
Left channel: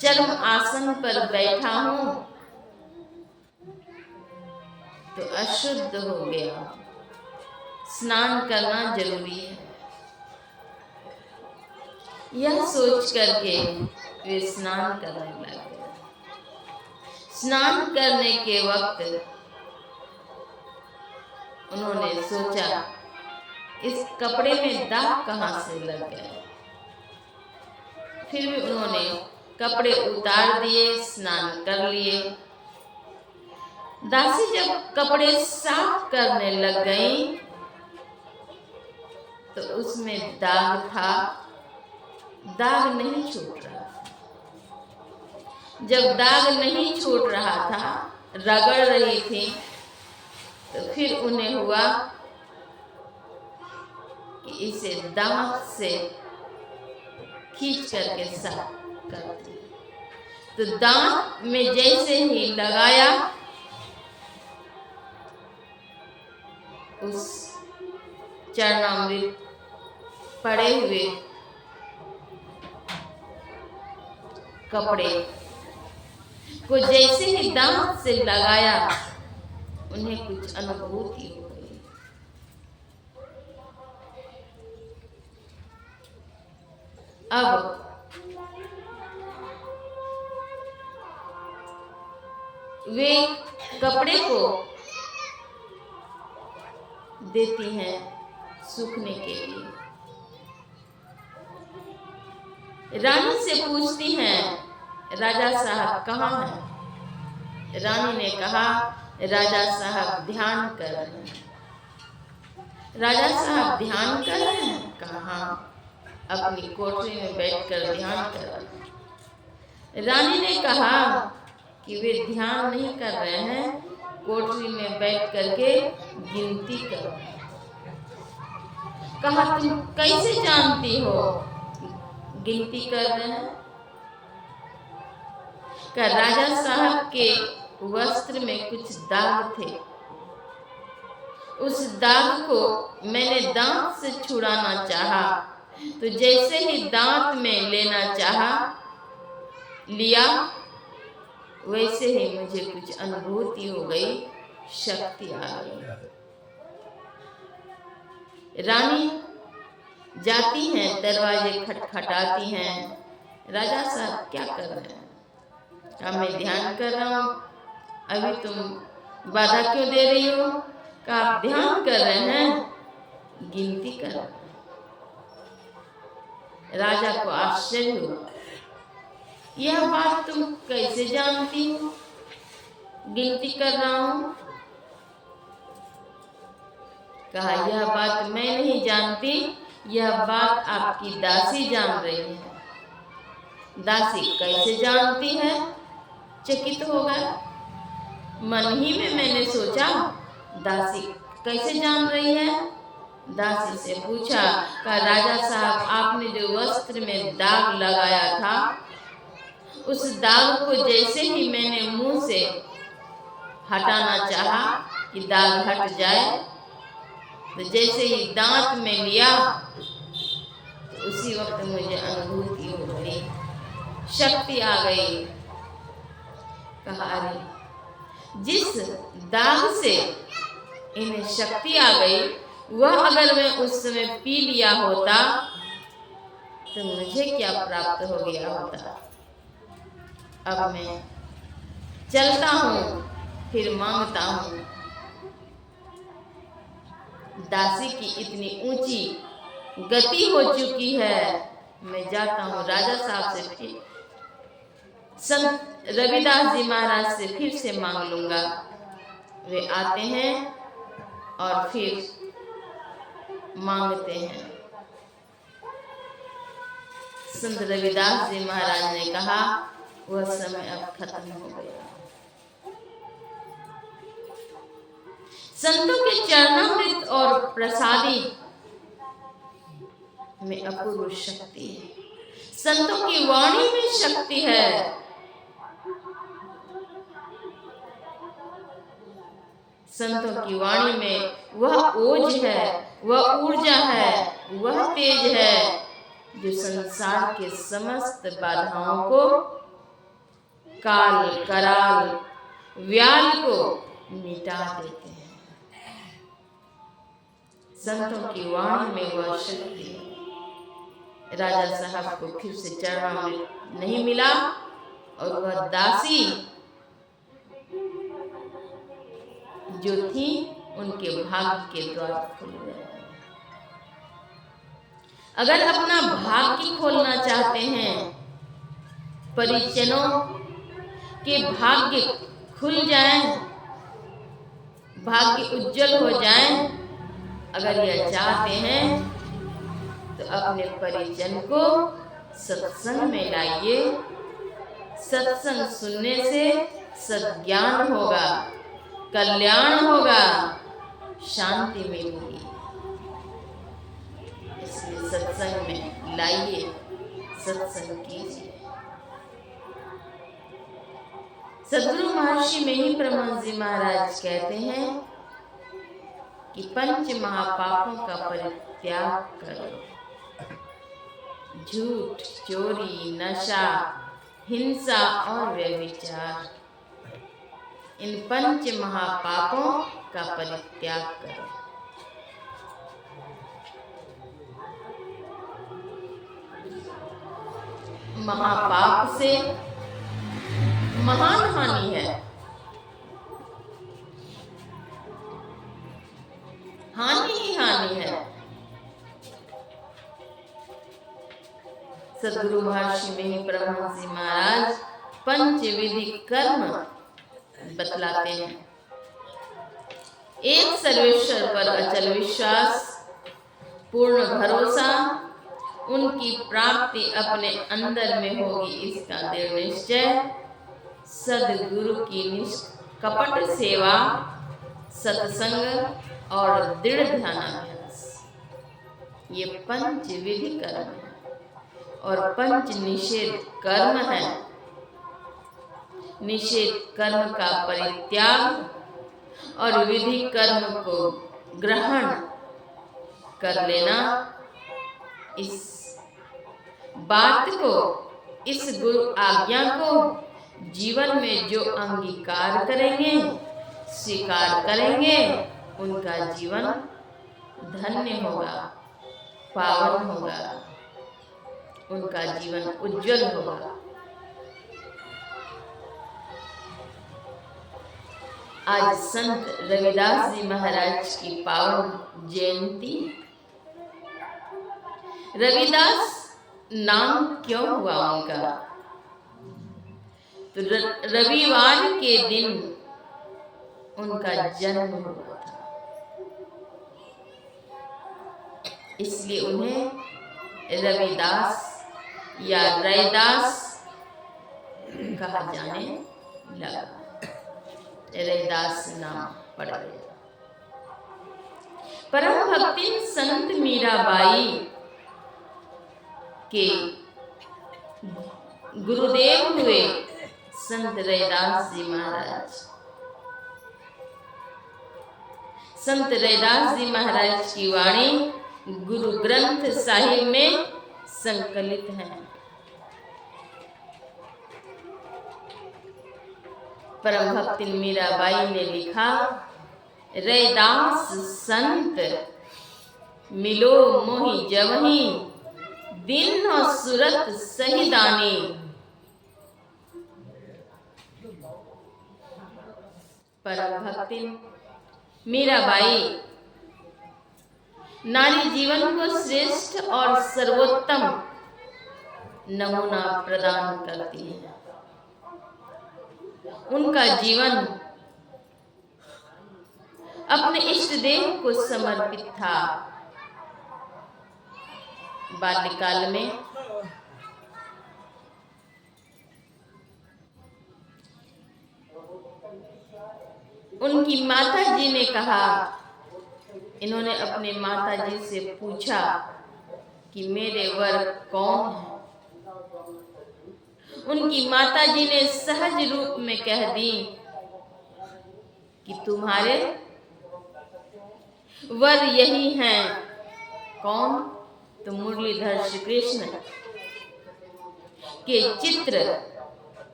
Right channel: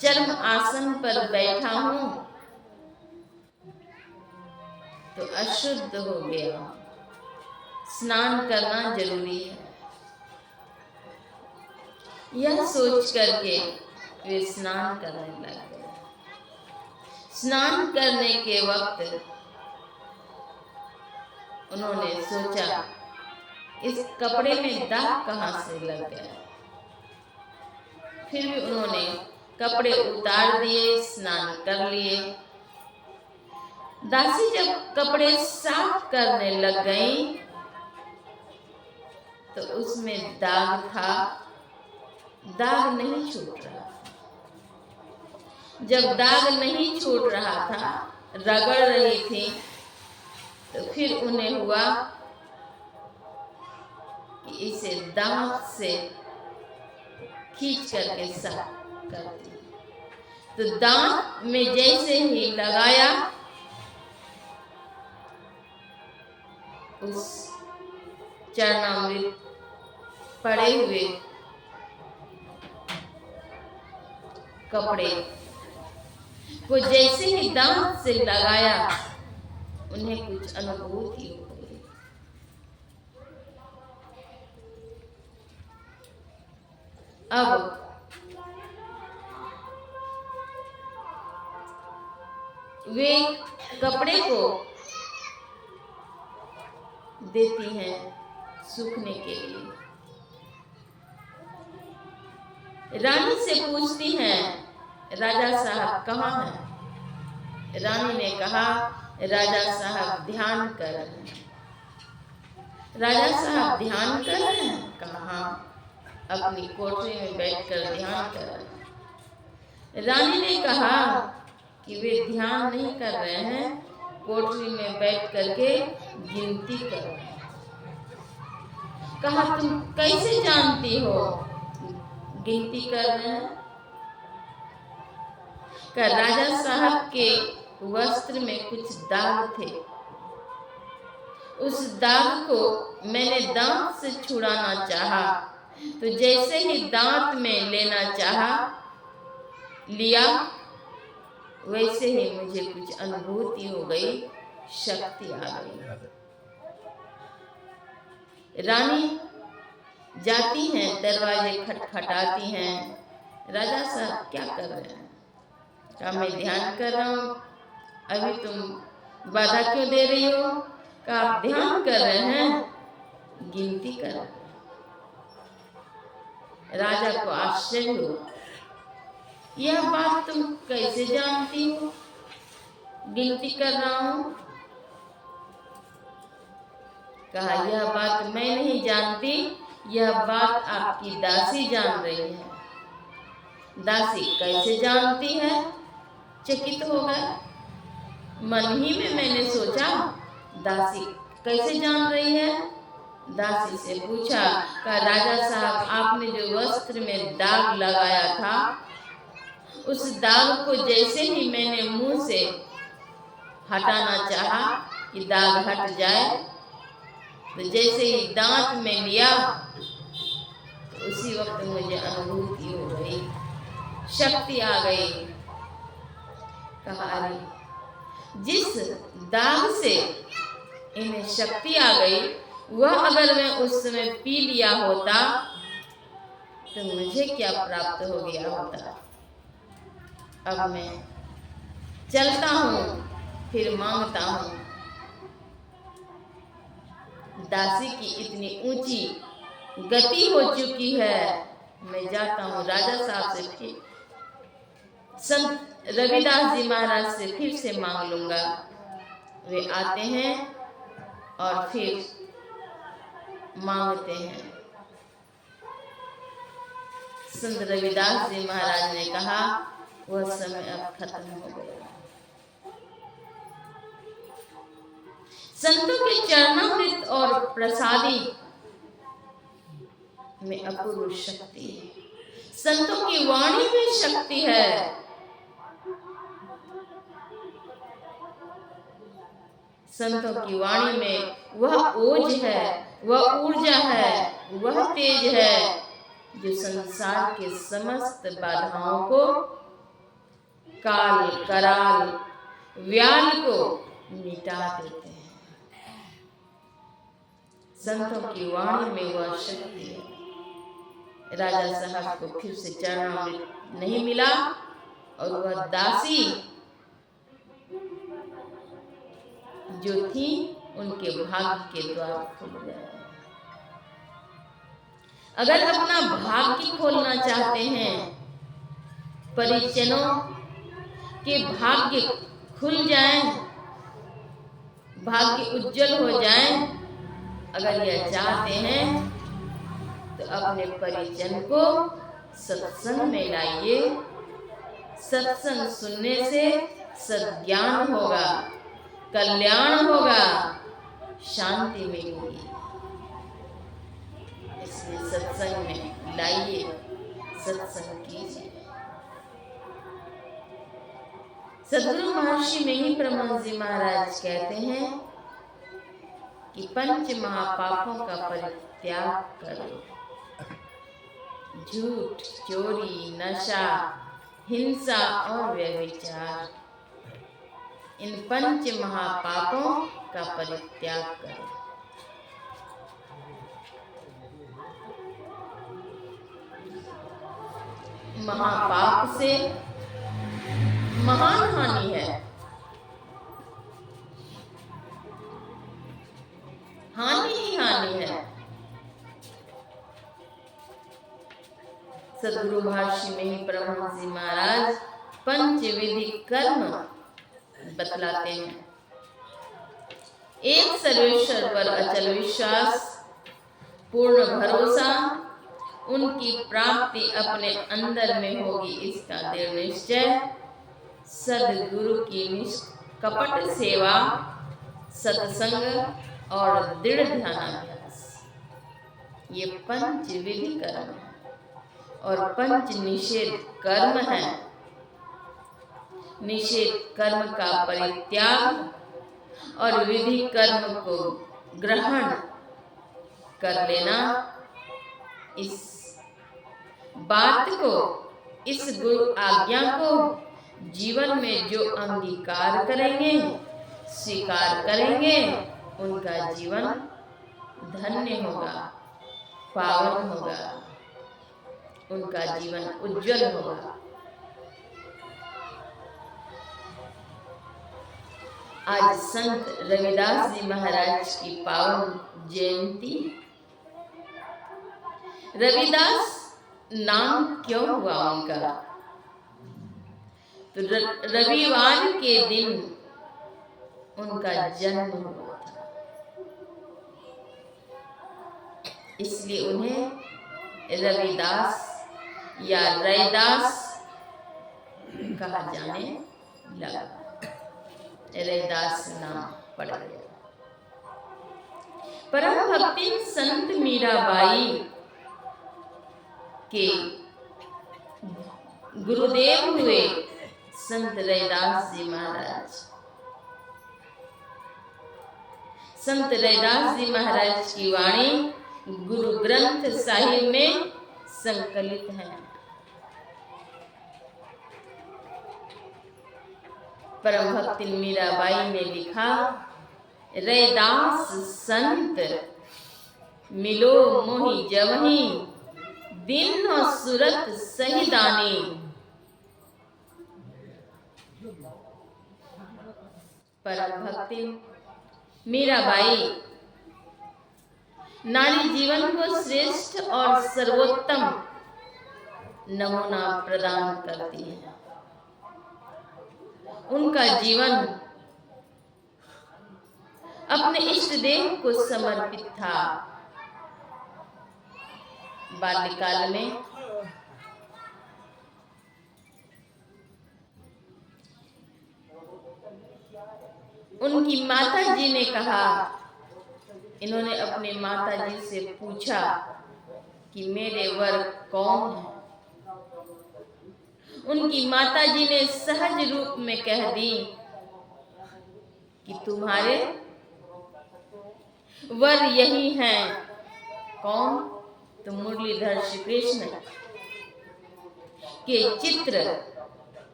चर्म आसन पर बैठा हूं, तो अशुद्ध हो गया। स्नान करना जरूरी है। यह सोच करके वे स्नान करने लग गए। स्नान करने के वक्त उन्होंने सोचा, इस कपड़े में दाग कहाँ से लग गए। फिर भी उन्होंने कपड़े उतार दिए, स्नान कर लिए। दासी जब कपड़े साफ करने लग गई तो उसमें दाग था, दाग नहीं छूट रहा। जब दाग नहीं छूट रहा था, रगड़ रही थी, तो फिर उन्हें हुआ कि इसे दांत से खींच करके साफ करती। तो दांत में जैसे ही लगाया, उस चरणामृत पड़े हुए कपड़े को जैसे ही दांत से लगाया, उन्हें कुछ अनुभूति हो गई। अब वे कपड़े को देती हैं सूखने के लिए। रानी से पूछती हैं, राजा साहब कहाँ हैं? रानी ने कहा, राजा साहब ध्यान कर रहे हैं। राजा साहब ध्यान कर रहे हैं? कहाँ? अपनी कोठरी में बैठकर ध्यान कर रहे हैं। रानी ने कहा कि वे ध्यान नहीं कर रहे हैं, कोठरी में बैठ करके गिनती कर रहे हैं। कहा, तुम कैसे जानती हो गिनती कर रहे हैं? का राजा साहब के वस्त्र में कुछ दाग थे। उस दाग को मैंने दांत से छुड़ाना चाहा, तो जैसे ही दांत में लेना चाहा, लिया, वैसे ही मुझे कुछ अनुभूति हो गई, शक्ति आ गई। रानी जाती हैं, दरवाजे खटखटाती हैं। राजा साहब क्या कर रहे हैं? कहा, मैं ध्यान कर रहा हूँ। अभी तुम बाधा क्यों दे रही हो? कहा, आप ध्यान कर रहे हैं, गिनती कर रहे हैं। राजा को आश्चर्य हुआ, यह बात तुम कैसे जानती हो? गिनती कर रहा हूँ। कहा, यह बात मैं नहीं जानती, यह बात आपकी दासी जान रही है। दासी कैसे जानती है? चकित हो गए। मन ही में मैंने सोचा, दासी कैसे जान रही है? दासी से पूछा, कहा, राजा साहब आपने जो वस्त्र में दाग लगाया था, उस दाग को जैसे ही मैंने मुंह से हटाना चाहा कि दाग हट जाए, तो जैसे ही दांत में लिया, उसी वक्त मुझे अनुभूति हो गई, शक्ति आ गई। कहा अरे जिस दाग से इन्हें शक्ति आ गई वह अगर मैं उस समय पी लिया होता तो मुझे क्या प्राप्त हो गया होता। अब मैं चलता हूँ फिर मांगता हूँ। दासी की इतनी ऊंची गति हो चुकी है, मैं जाता हूँ राजा साहब से, फिर संत रविदास जी महाराज से फिर से मांग लूंगा। वे आते हैं और फिर मांगते हैं। संत रविदास जी महाराज ने कहा वह समय अब खत्म हो गया। संतों के चरणामृत और प्रसादी में अपूर्व शक्ति है, संतों की वाणी में शक्ति है। संतों की वाणी में वह ओज है, वह ऊर्जा है, वह तेज है जो संसार के समस्त बाधाओं को, काल कराल व्याल को मिटा देते हैं। संतों की वाणी में वह शक्ति है। राजा साहब को फिर से चरणामृत नहीं मिला और वह दासी जो थी उनके भाग्य के द्वार खुल गए। अगर अपना भाग्य खोलना चाहते हैं, परिजनों के भाग्य खुल जाएं, भाग्य उज्जवल हो जाएं, अगर यह चाहते हैं तो अपने परिजन को सत्संग में लाइए। सत्संग सुनने से सद्ज्ञान होगा, कल्याण होगा, शांति मिलेगी। इसलिए सत्संग में लाइए, सत्संग कीजिए। सद्गुरु महर्षि मेही परमहंस जी महाराज कहते हैं कि पंच महापापों का परित्याग करो। झूठ, चोरी, नशा, हिंसा और व्यभिचार, इन पंच महापापों का परित्याग करो। महापाप से महान हानि है। हानि ही हानि है। सद्गुरु महर्षि मेही परमहंस जी महाराज पंचविधि कर्म बतलाते हैं। एक सर्वेश्वर पर अचल विश्वास, पूर्ण भरोसा, उनकी प्राप्ति अपने अंदर में होगी इसका दृढ़ निश्चय, सद्गुरु की निष्कपट सेवा, सत्संग और दृढ़ ध्यानाभ्यास, ये पंच विधि कर्म है और पंच निषेध कर्म है। निषेध कर्म का परित्याग और विधि कर्म को ग्रहण कर लेना, इस बात को, इस गुरु आज्ञा को जीवन में जो अंगीकार करेंगे, स्वीकार करेंगे, उनका जीवन धन्य होगा, पावन होगा, उनका जीवन उज्जवल होगा। आज संत रविदास जी महाराज की पावन जयंती। रविदास नाम क्यों हुआ उनका? तो रविवार के दिन उनका जन्म हुआ था, इसलिए उन्हें रविदास या रैदास कहा जाने लगा। रैदास नाम पड़ गया। परम भक्ति संत मीराबाई के गुरुदेव हुए संत रैदास जी महाराज। संत रैदास जी महाराज की वाणी गुरु ग्रंथ साहिब में संकलित हैं। परम भक्त मीराबाई ने लिखा, रैदास संत मिलो मोहि जवहीं, दिन और सूरत सही दानी। परम भक्ति मीराबाई नारी जीवन को श्रेष्ठ और सर्वोत्तम नमूना प्रदान करती है। उनका जीवन अपने इष्ट देव को समर्पित था। बाल्यकाल में उनकी माता जी ने कहा, इन्होंने अपने माता जी से पूछा कि मेरे वर कौन है। उनकी माता जी ने सहज रूप में कह दी कि तुम्हारे वर यही हैं। कौन? तो मुरलीधर श्री कृष्ण के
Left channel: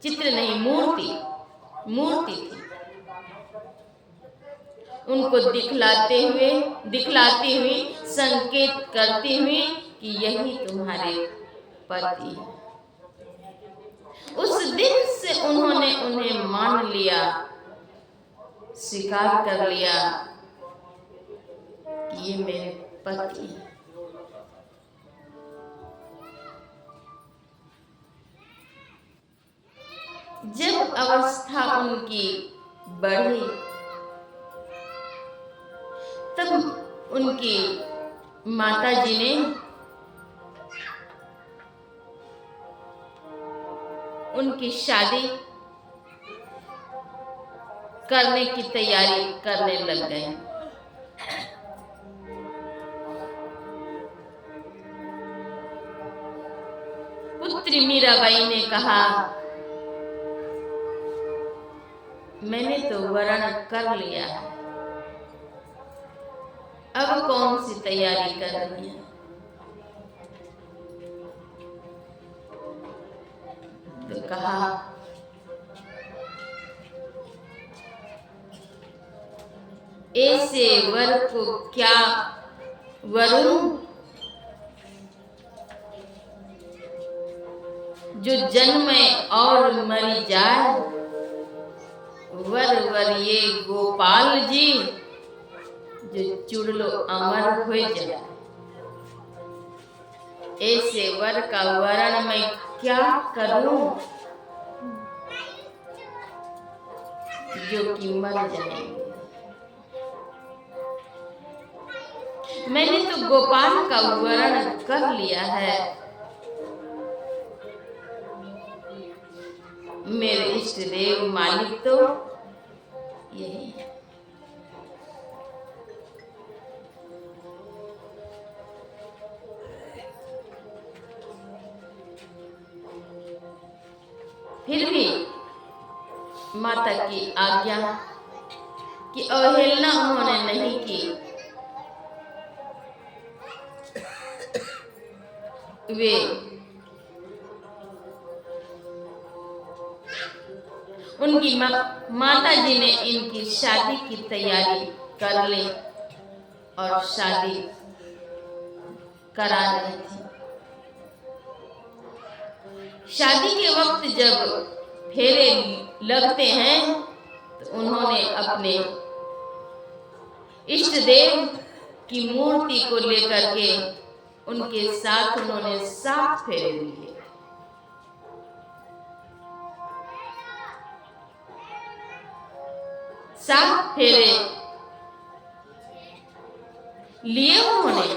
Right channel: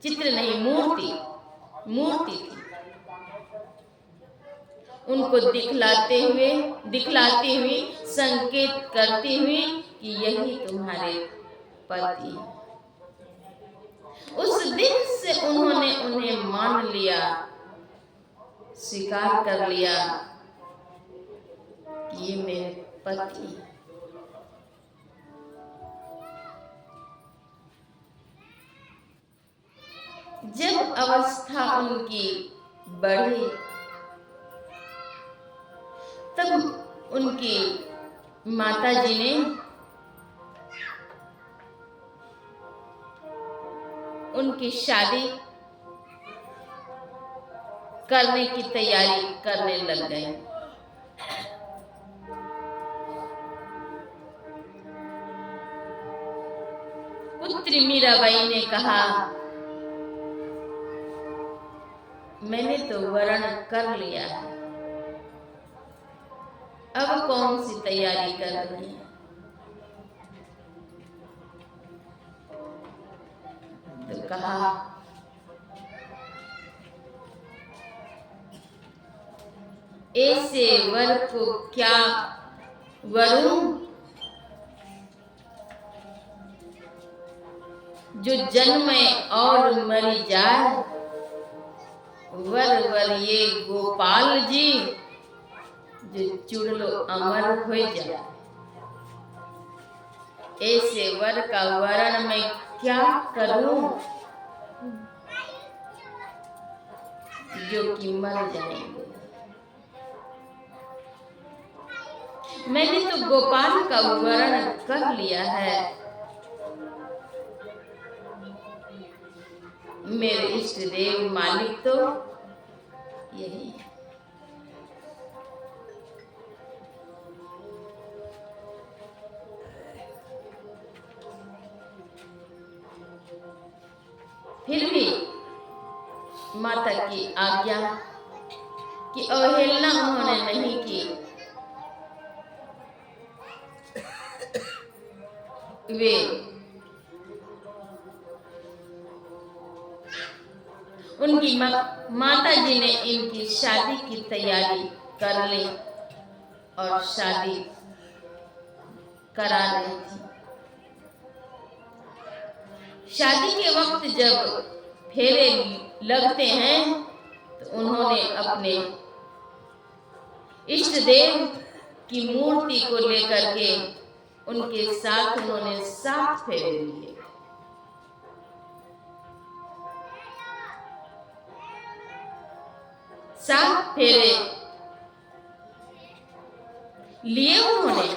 चित्र नहीं, मूर्ति थी। उनको दिखलाती हुई संकेत करती हुई कि यही तुम्हारे पति है। उस दिन से उन्होंने उन्हें मान लिया, स्वीकार कर लिया कि ये मेरे पति हैं। जब अवस्था उनकी बढ़ी तब उनकी माता जी ने उनकी शादी करने की तैयारी करने लग गए। पुत्री मीराबाई ने कहा, मैंने तो वरण कर लिया है, अब कौन सी तैयारी कर रही है। तो कहा, ऐसे वर को क्या वरूं जो जन्मे और मरी जाए। वर ये गोपाल जी जो चुड़लो अमर हो जाए। ऐसे वर का वरण मैं क्या करूं जो कि मर जाएंगे। मैंने तो गोपाल का वरण कर लिया है। मेरे इष्ट देव मालिक तो यही है। फिर भी माता की आज्ञा की अवहेलना उन्होंने नहीं की। वे उनकी माता जी ने इनकी शादी की तैयारी कर ली और शादी करा रही थी। शादी के वक्त जब फेरे लगते हैं तो उन्होंने अपने इष्ट देव की मूर्ति को लेकर के उनके साथ उन्होंने 7 फेरे लिए। सात फेरे लिए उन्होंने।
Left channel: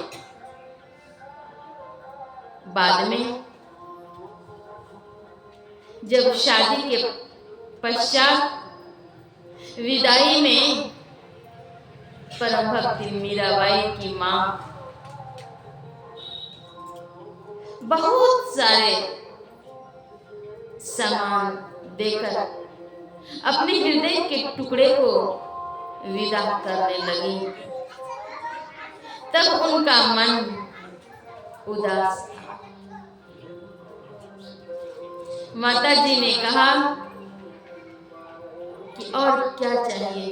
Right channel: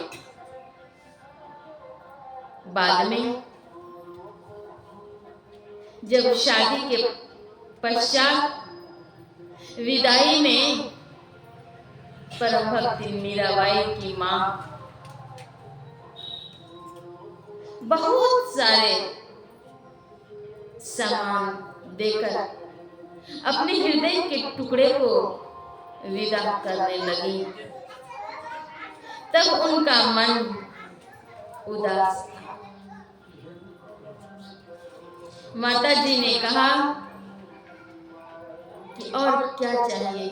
बाद में जब शादी के पश्चात विदाई में परम भक्ति मीराबाई की मां बहुत सारे सामान देकर अपने हृदय के टुकड़े को विदा करने लगी। तब उनका मन उदास था। माता जी ने कहा कि और क्या चाहिए।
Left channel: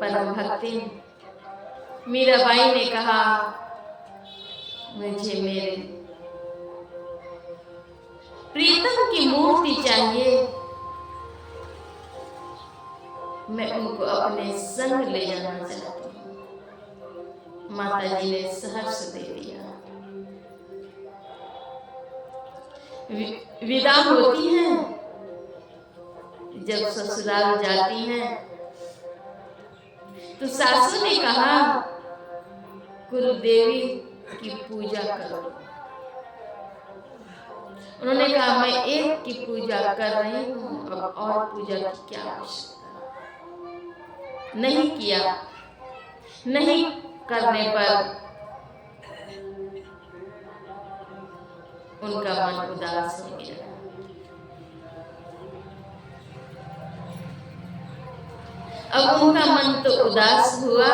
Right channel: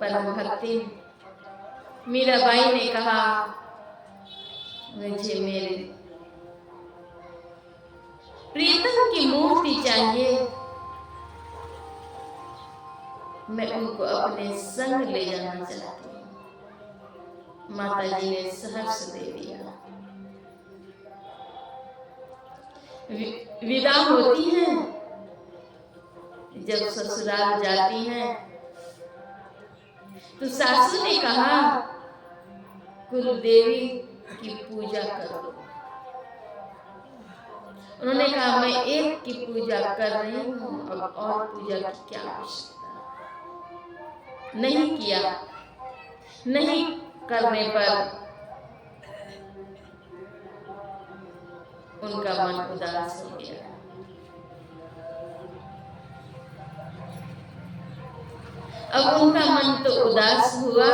परम भक्ति मीराबाई ने कहा, मुझे मेरे प्रीतम की मूर्ति चाहिए, मैं उनको अपने संग ले जाना चाहती हूँ। माता जी ने सहर्ष दे दिया। विदा होती हैं, जब ससुराल जाती हैं तो सासू ने कहा, गुरुदेवी की पूजा करो। उन्होंने कहा, मैं एक की पूजा कर रही हूँ, अब और पूजा की क्या आवश्यकता। नहीं किया। नहीं करने पर उनका मन उदास हो गया। अब उनका मन तो उदास हुआ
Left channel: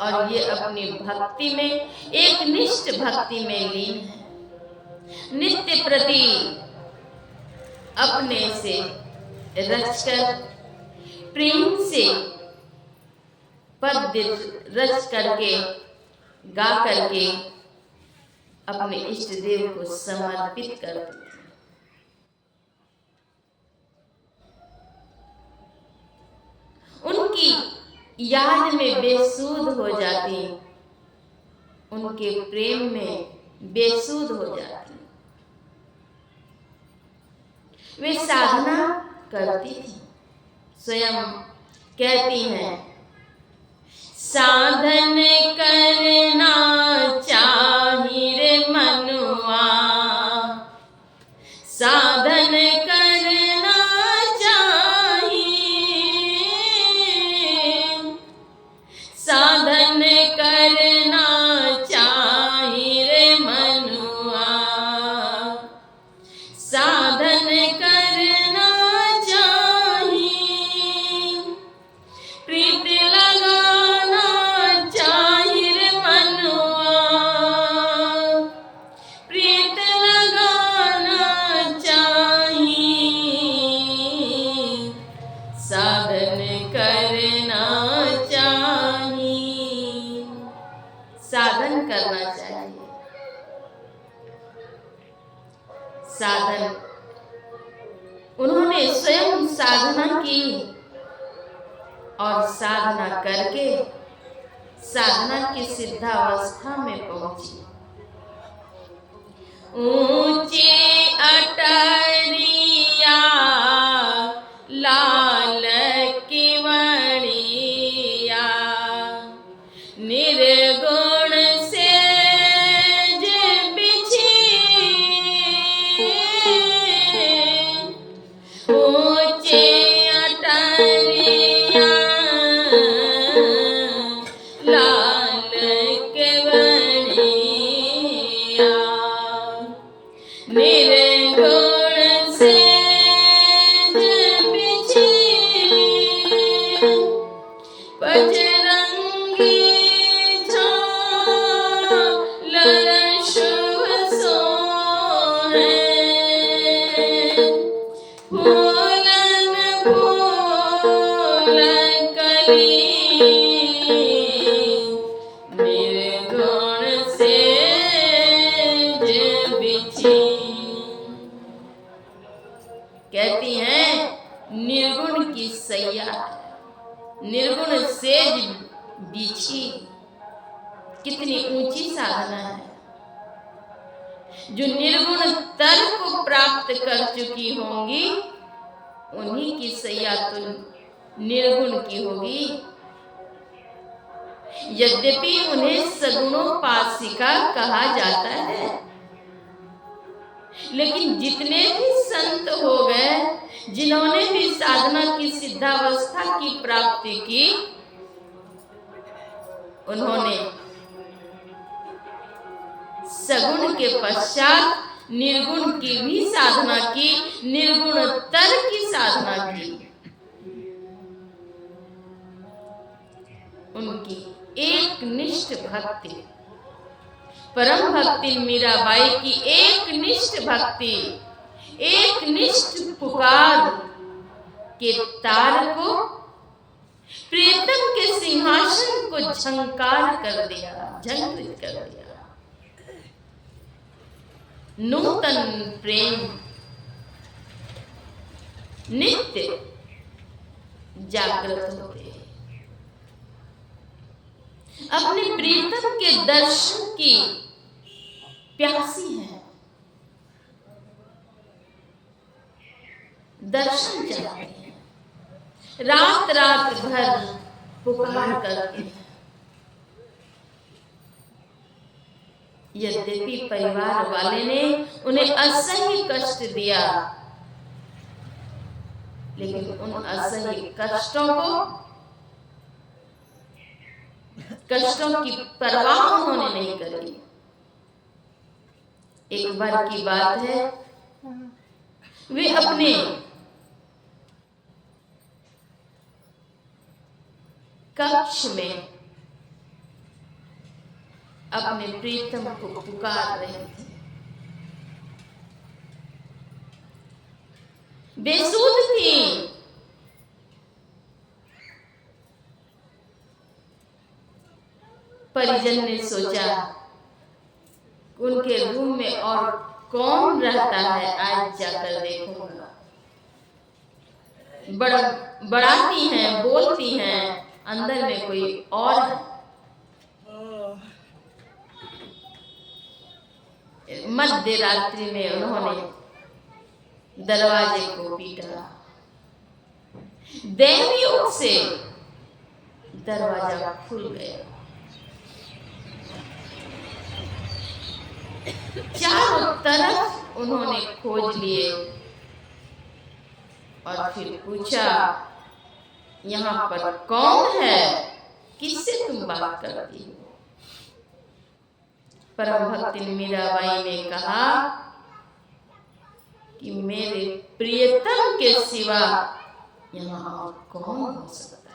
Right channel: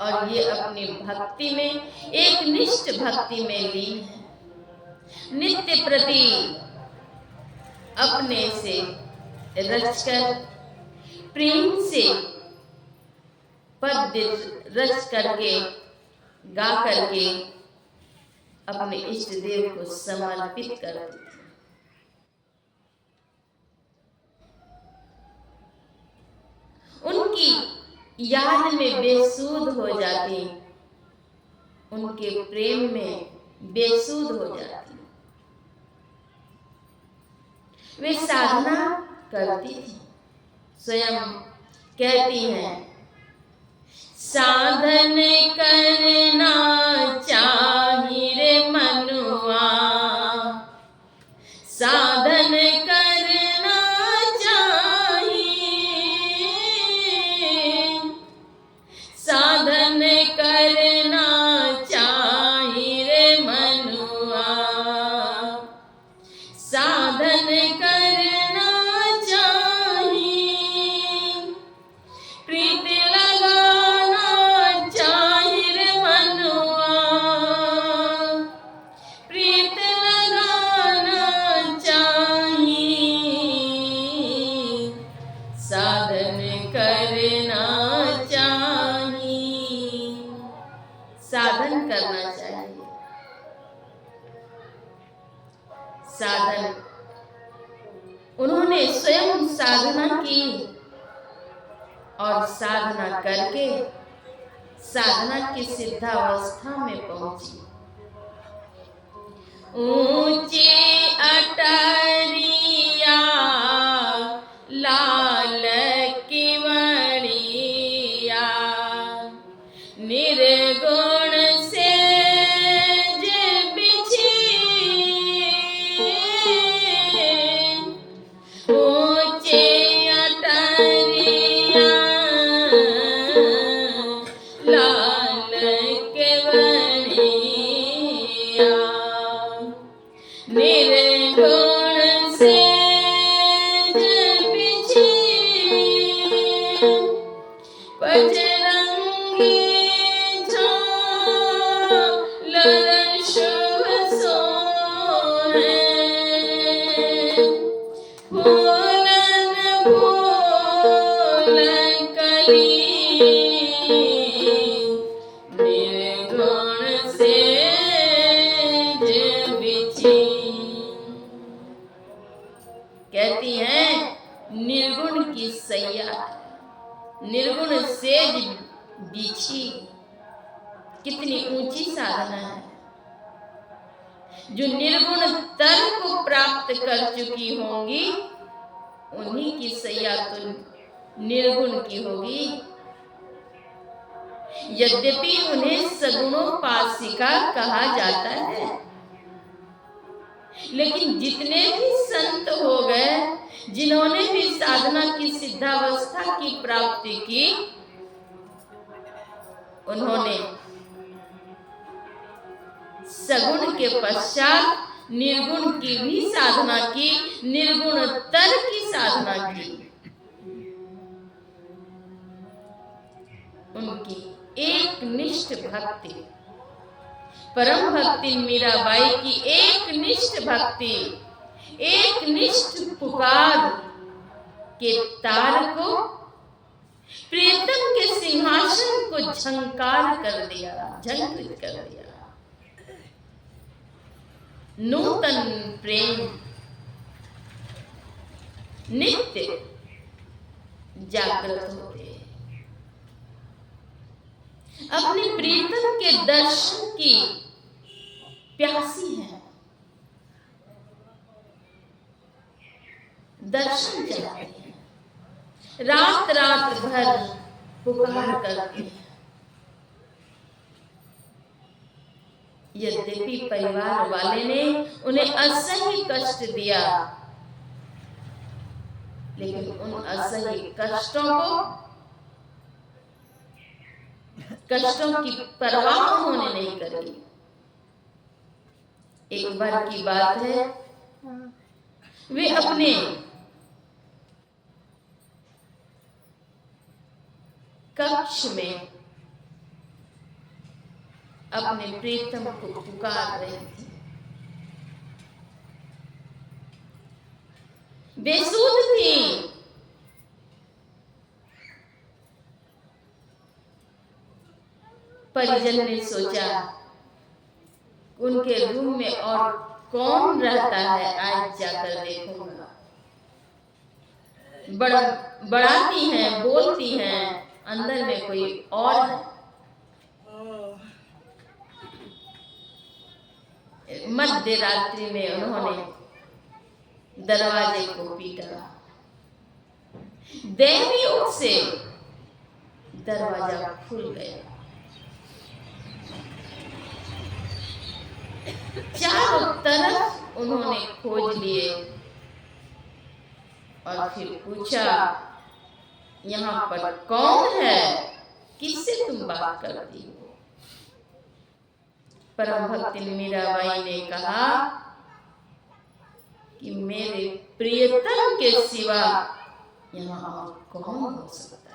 और ये अपनी भक्ति में, एक निष्ठ भक्ति में लीन है। नित्य प्रति अपने से रचकर, प्रेम से पद्य रच करके, गा करके अपने इष्ट देव को समर्पित करती थी। उनकी याद में बेसुध हो जाती, उनके प्रेम में बेसुध हो जाती। वे साधना करती थी। स्वयं कहती हैं, साधन करना चाहिए मनुआ, साधन करना चाहिए, साधन करना चाहिए मनुआ, साधन करना चाहिए, प्रीत लगाना चाहिए मनुआ, प्रीत लगाना चाहिए, साधन करना चाहिए, साधन करना चाहिए। साधन, उन्होंने स्वयं साधना की और साधना करके साधना की सिद्धावस्था में पहुंची। ऊंची अटरिया लाल की मणिया, निर्गुण से बिछी, ऊंची अटरिया लाल के बनिया, निर्गुण से बिछी, बजरंगी झालर शुभ सोहे, फूलन फूल कली, निर्गुण से बिछी। कहती हैं, निर्गुण की सैया, निर्गुण सेज बिछी। कितनी ऊंची साधना है। जो निर्गुण तर को प्राप्त कर चुकी होंगी, उन्हीं की सैया तो निर्गुण की होगी। यद्यपि उन्हें सगुणोपासिका कहा जाता है, लेकिन जितने भी संत हो गए, जिन्होंने भी साधना की सिद्धावस्था की प्राप्ति की, उन्होंने सगुण के पश्चात निर्गुण की भी साधना की, निर्गुण तर की साधना की। उनकी एक निष्ठ भक्ति, परम भक्ति मीराबाई की एक निष्ठ भक्ति, एक निष्ठ पुकार के तार को, प्रीतम के सिंहासन को झंकार कर दिया, झंकृत कर दिया। नूतन प्रेम नित्य जागृत होते हैं। अपने प्रीतम के दर्शन की प्यासी हैं, दर्शन चाहते हैं, रात रात भर पुकार करते हैं। यद्यपि परिवार वाले ने उन्हें असह्य कष्ट दिया, लेकिन उन असह्य कष्टों की परवाह उन्होंने नहीं करी। एक बार की बात है, वे अपने कक्ष में अपने प्रीतम को पुकार रहे थे। बेसुध थी, परिजन ने सोचा उनके रूम में और कौन रहता है, आज जाकर देखूंगा। बड़ाती हैं, बोलती हैं, अंदर में कोई और है। मध्य रात्रि में उन्होंने दरवाजे को पीटा। दैवी योग से दरवाजा खुल गया। चारों तरफ उन्होंने खोज लिए और फिर पूछा, यहाँ पर कौन है, किससे तुम बात करती हो? परम भक्ति मीराबाई ने कहा कि मेरे प्रियतम के सिवा यहाँ और कौन हो सकता है।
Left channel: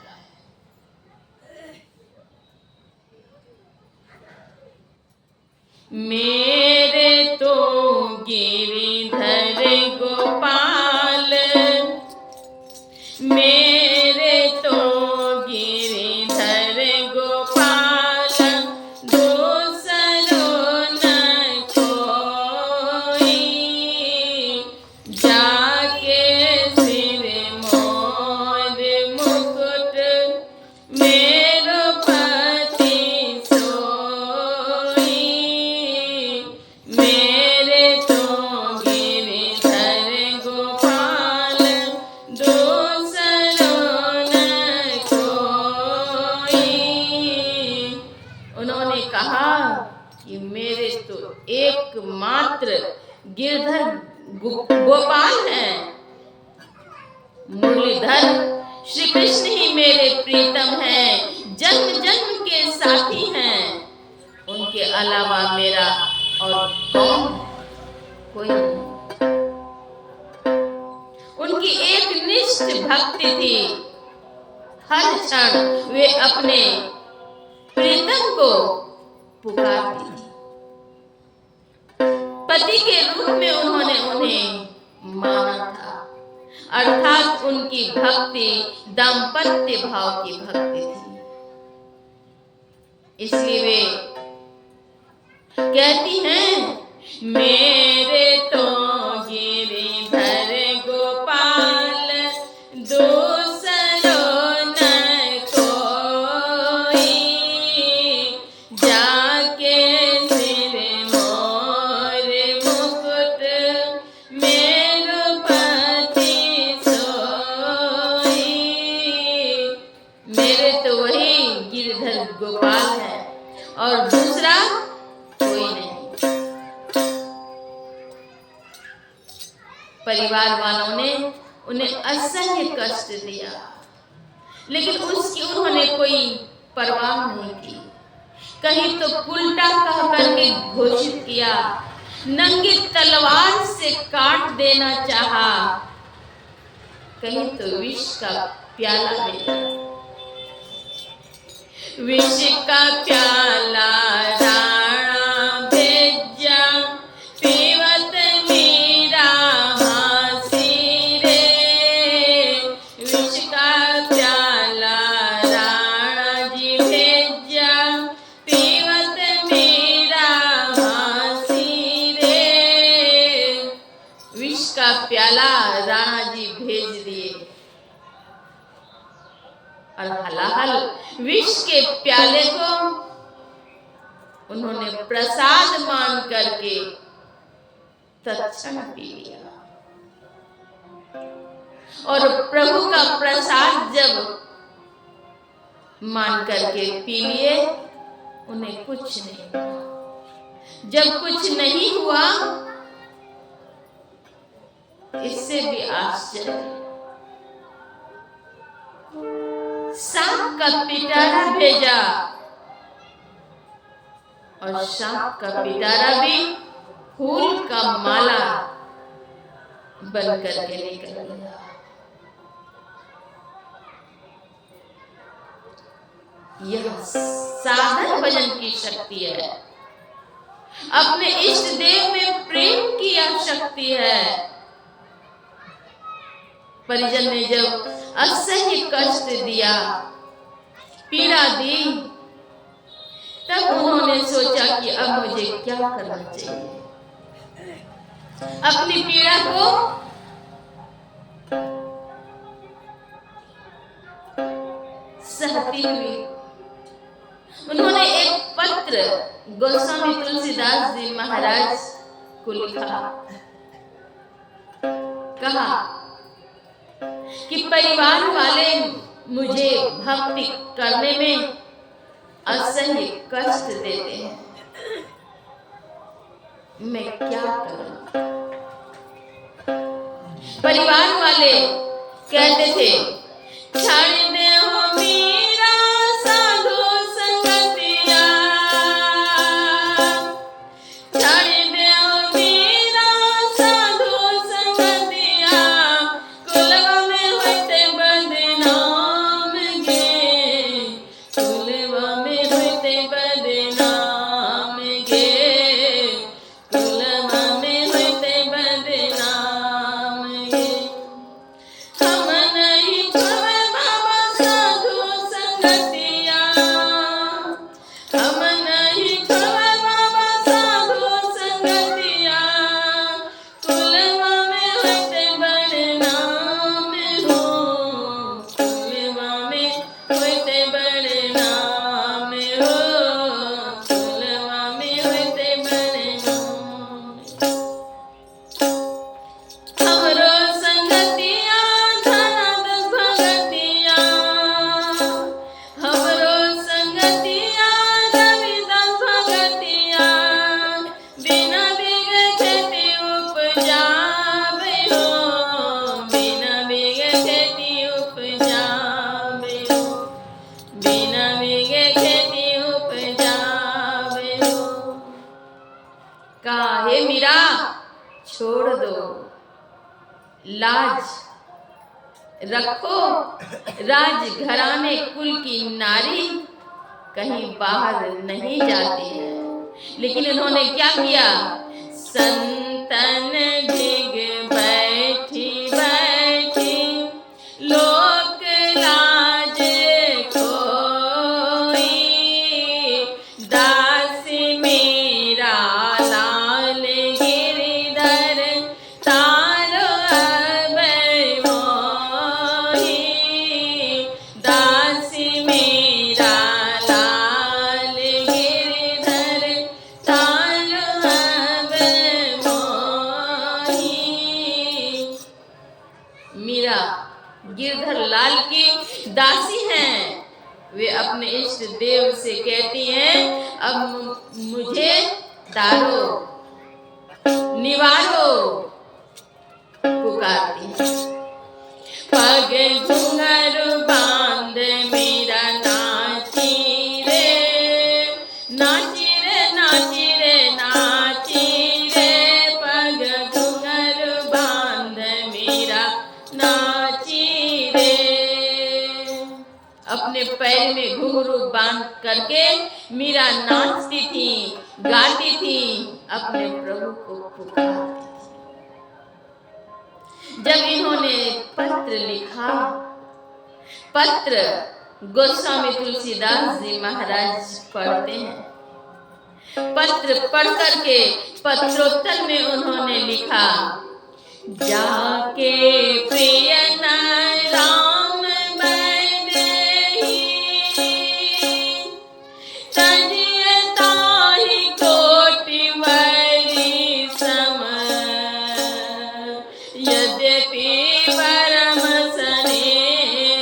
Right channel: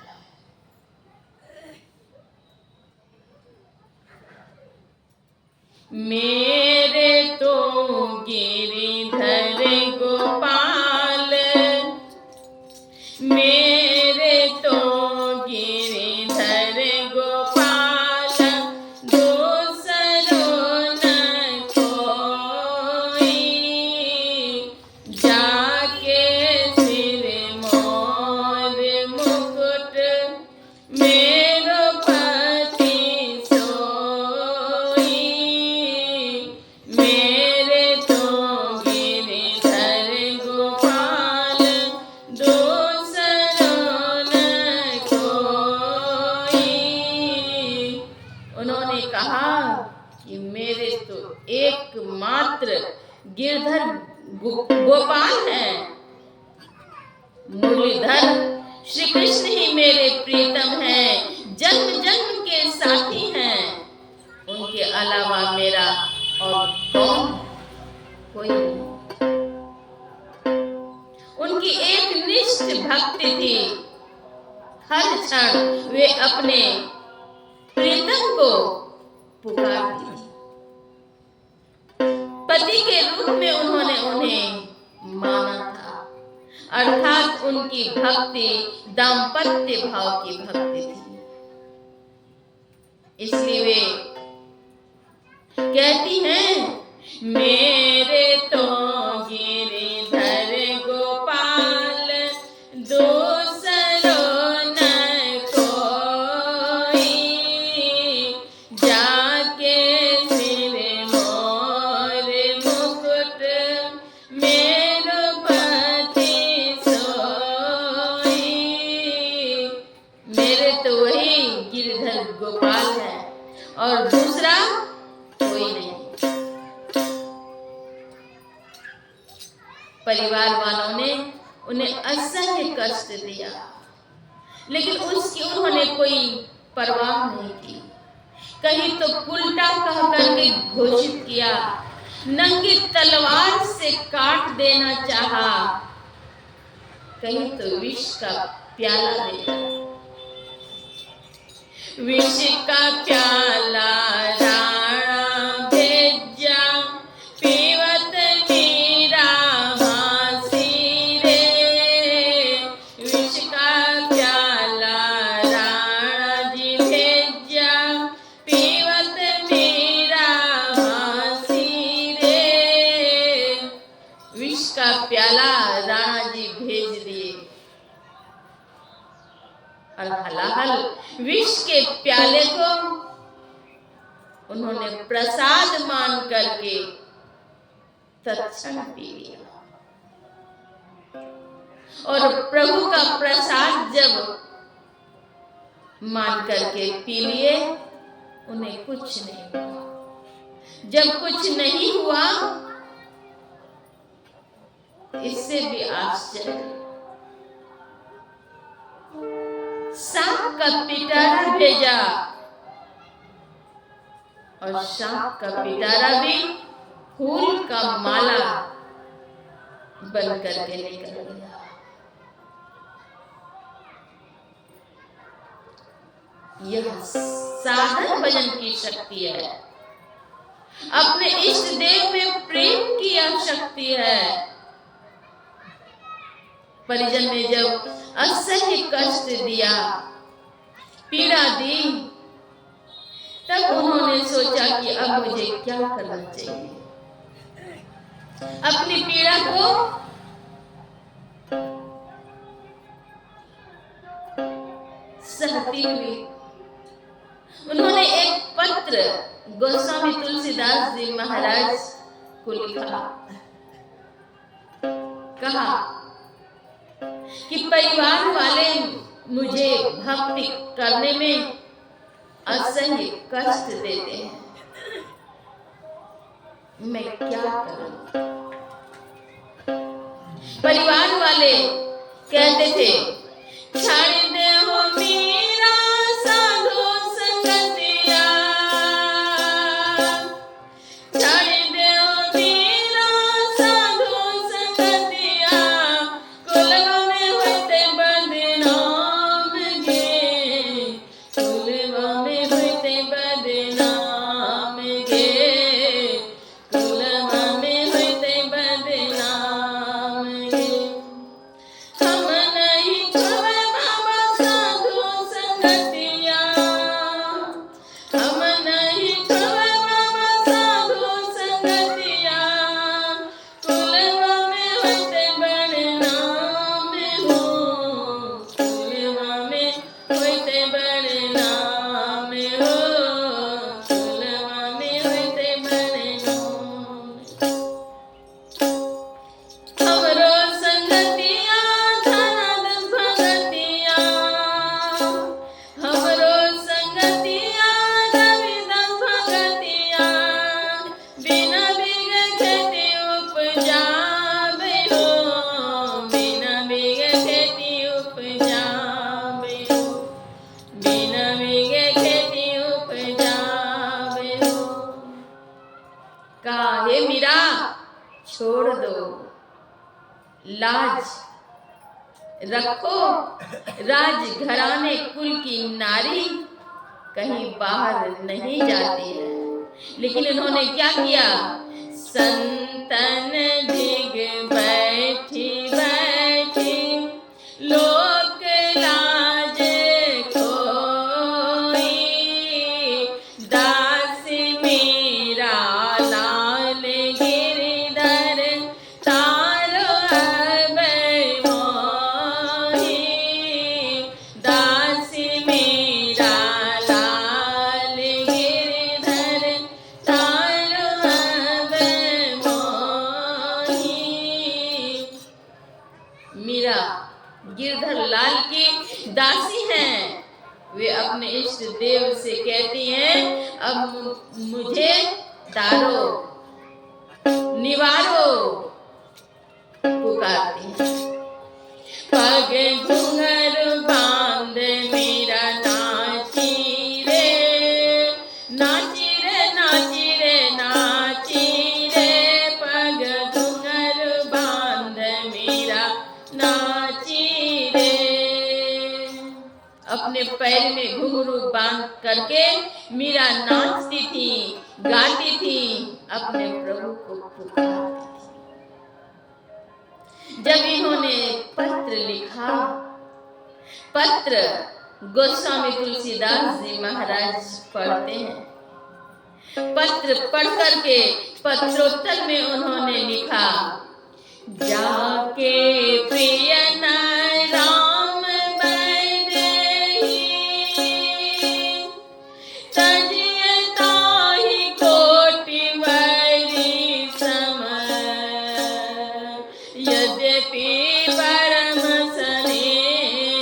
मेरे तो गिरिधर गोपाल, मेरे तो गिरिधर गोपाल, दूसरो न कोई, जाके सिर मोर मुकुट, मेरो पति सोई, मेरे तो गिरिधर गोपाल, दूसरो न कोई। उन्होंने कहा कि मेरे तो एकमात्र गिरधर गोपाल हैं, मुरलीधर श्री कृष्ण ही मेरे प्रीतम हैं, जन्म जन्म के साथी हैं, उनके अलावा मेरा और कौन, कोई नहीं। उनकी एक निष्ठ भक्ति थी, हर क्षण वे अपने प्रीतम को पुकारती थी। पति के रूप में उन्होंने उन्हें माना था, अर्थात उनकी भक्ति दाम्पत्य भाव की भक्ति थी। इसलिए वे कहती हैं, मेरे तो गिरिधर गोपाल, दूसरो न कोई, जाके सिर मोर मुकुट, मेरो पति सोई। मेरे तो वही गिरिधर गोपाल है और दूसरा कोई नहीं। परिवार वालों ने उन्हें असह्य कष्ट दिया, लेकिन उसकी उन्होंने कोई परवाह नहीं की। कहीं तो उल्टा कह करके घोषित किया, नंगी तलवार से काट देना चाहा, कहीं तो विष का प्याला दे दिया। विष का प्याला राणा का प्याला राणा जी भेज दिए और हलाहल विष के प्याले को उन्होंने प्रसाद मान करके तत्क्षण पी लिया। और प्रभु का प्रसाद जब मान करके पी लिए, उन्हें कुछ नहीं हुआ। जब कुछ नहीं हुआ, इससे भी आश्चर्य, सांप का पिटारा भेजा और सांप का पिटारा भी फूल का माला बन करके निकल गया। यह साधन भजन की शक्ति है, अपने इष्ट देव में प्रेम की यह शक्ति है। परिजन ने जब असह्य कष्ट दिया, पीड़ा दी, तब उन्होंने सोचा कि अब मुझे क्या करना चाहिए। अपनी पीड़ा को सहती हुई उन्होंने एक पत्र गोस्वामी तुलसीदास जी महाराज को लिखा। कहा कि परिवार वाले मुझे भक्ति करने में असह्य कष्ट देते हैं, मैं क्या करूं। परिवार वाले कहते थे, छाड़ दे हो मीरा साधु संगतिया, छाड़ दे हो मीरा साधु संगतिया, कुलवा में होते बदनाम गे, कुलवा में होते बदनाम गे, कुलवा में होते बदनाम गे। हम नहीं खोवे बाबा साधु संगतिया, हम नहीं खोवे बाबा साधु संगतिया, कुलवा में होते बदनाम हो, कुलवा में होते बदनाम हो, कुलवा में होते बदनाम। हमरो संगतिया धनादन भगतिया, हमरो संगतिया रविदास भगतिया, बिना बिगे खेती उपजावे हो, बिना बिगे खेती उपजावे हो, बिना बिगे खेती उपजावे हो। कहा, हे मीरा, छोड़ दो, लाज रखो। राजघराने कुल की नारी कहीं बाहर नहीं जाती है। लेकिन इन्होंने क्या किया, संतन दिग बैठी बैठी लोक लाज खोई, दास मेरा लाल गिरधर तारो अब मोही, दास मेरा लाल गिरधर तारो अब मोही। मीरा गिरधर लाल की दासी हैं। वे अपने इष्ट देव से कहती हैं, अब मुझे तारो, निवारो, पुकारती हैं। पग घुंघरू बांध मीरा नाची रे, नाची रे, नाची रे, नाची रे, पग घुंघरू बांध मीरा नाची रे। अपने पैर में घुंघरू बांध करके मीरा नाचती थी, गाती थी, अपने प्रभु को पुकारती थी। जब इन्होंने पत्र लिखा, पत्र गोस्वामी तुलसीदास जी महाराज पढ़ते हैं। पत्र पढ़ करके पत्रोत्तर में उन्होंने लिखा जाके प्रिय राम बरही, तजिए ताहि कोटि वरी सम, यद्यपि परम स्नेही,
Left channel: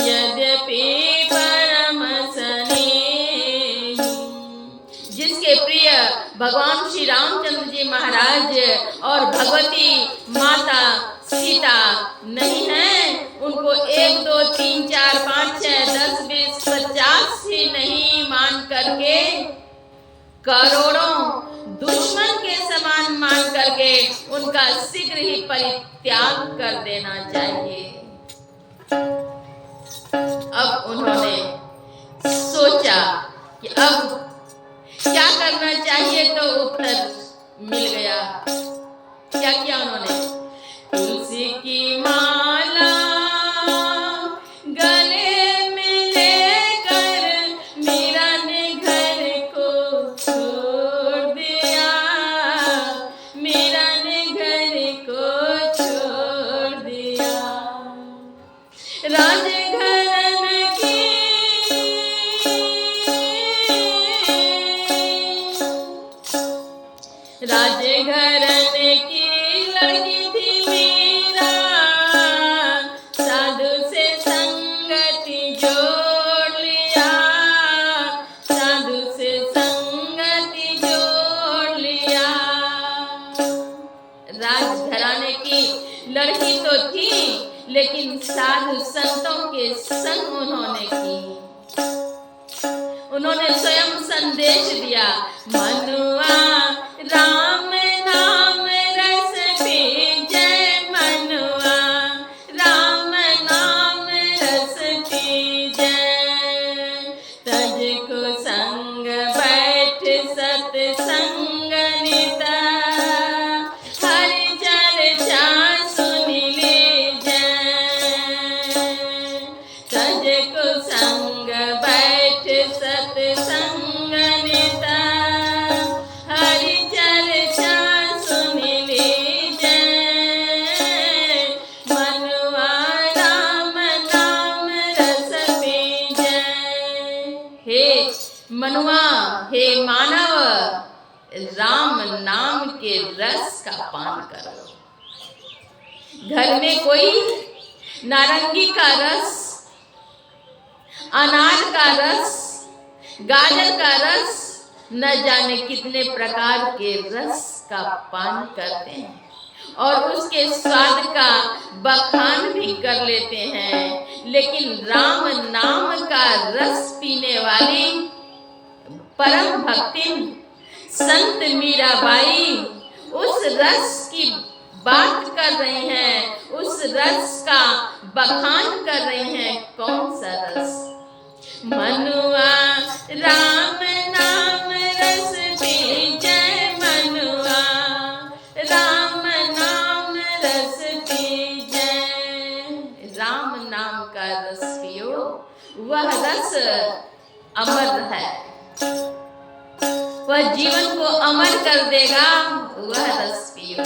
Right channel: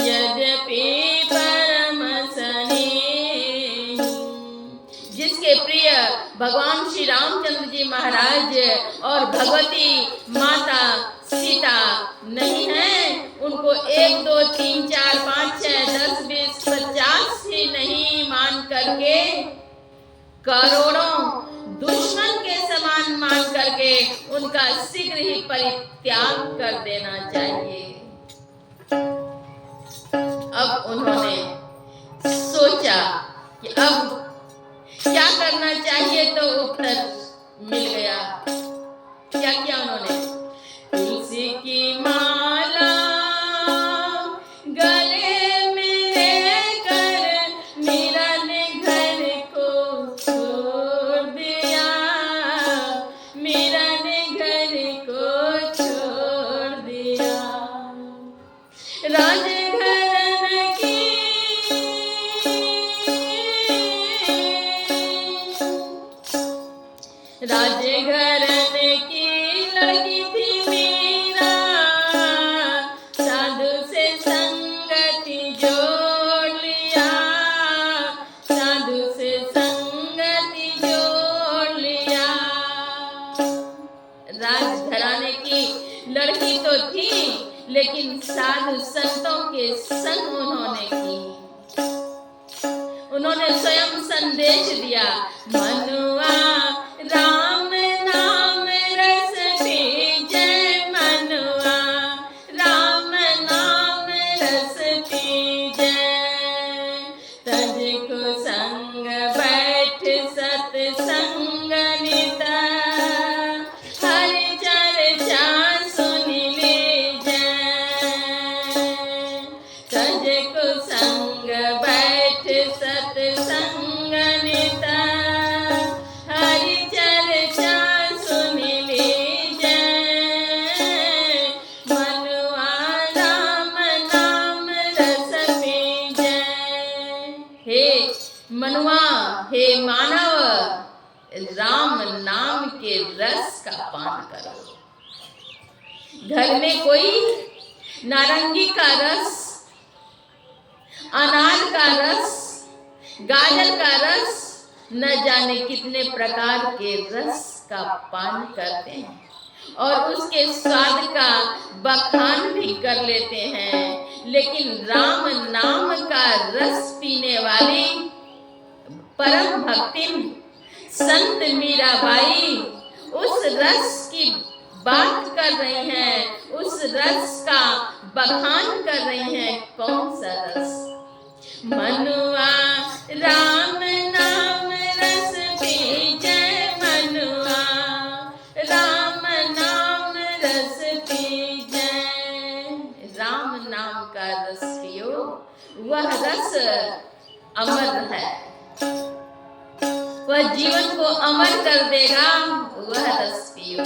यद्यपि परम स्नेही। जिसके प्रिय भगवान श्री रामचंद्र जी महाराज और भगवती माता सीता नहीं है, उनको 1 2 3 4 5 6 10 20 50 ही नहीं मान करके करोड़ों दुश्मन के समान मान करके उनका शीघ्र ही परित्याग कर देना चाहिए। अब उन्होंने सोचा कि अब क्या करना चाहिए, तो उत्तर मिल गया। क्या किया उन्होंने? तुलसी की माला गले में लेकर मीरा ने घर को छोड़ दिया, मीरा ने घर को छोड़ दिया। राजघरान की राजघरान की लड़की थी मीरा, साधु से संगति जोड़ लिया, साधु से संगति जोड़ लिया। राजघराने की लड़की तो थी, लेकिन साधु संतों के संग उन्होंने की। उन्होंने स्वयं संदेश दिया, मनुआ राम नाम रस पीजे, मनुआ राम नाम रस पीजे, तज को संग बैठ सत्संग निता, हरि चर्चा सुन लीजे, तज को संग बैठ सत्संग निता, हरि चर्चा सुन लीजे, मनुआ राम नाम रस पीजे। हे मनुआ, हे मानव, राम नाम के रस का पान करो। घर में कोई नारंगी का रस, अनार का रस, गाजर का रस, न जाने कितने प्रकार के रस का पान करते हैं और उसके स्वाद का बखान भी कर लेते हैं, लेकिन राम नाम का रस पीने वाली परम भक्तिन संत मीराबाई उस रस की बात कर रही हैं, उस रस का बखान कर रही हैं। कौन सा रस? मनुआ राम नाम रस पीजे, मनुआ राम नाम रस पीजे। राम नाम का रस पियो, वह रस अमर है, वह जीवन को अमर कर देगा, वह रस पियो।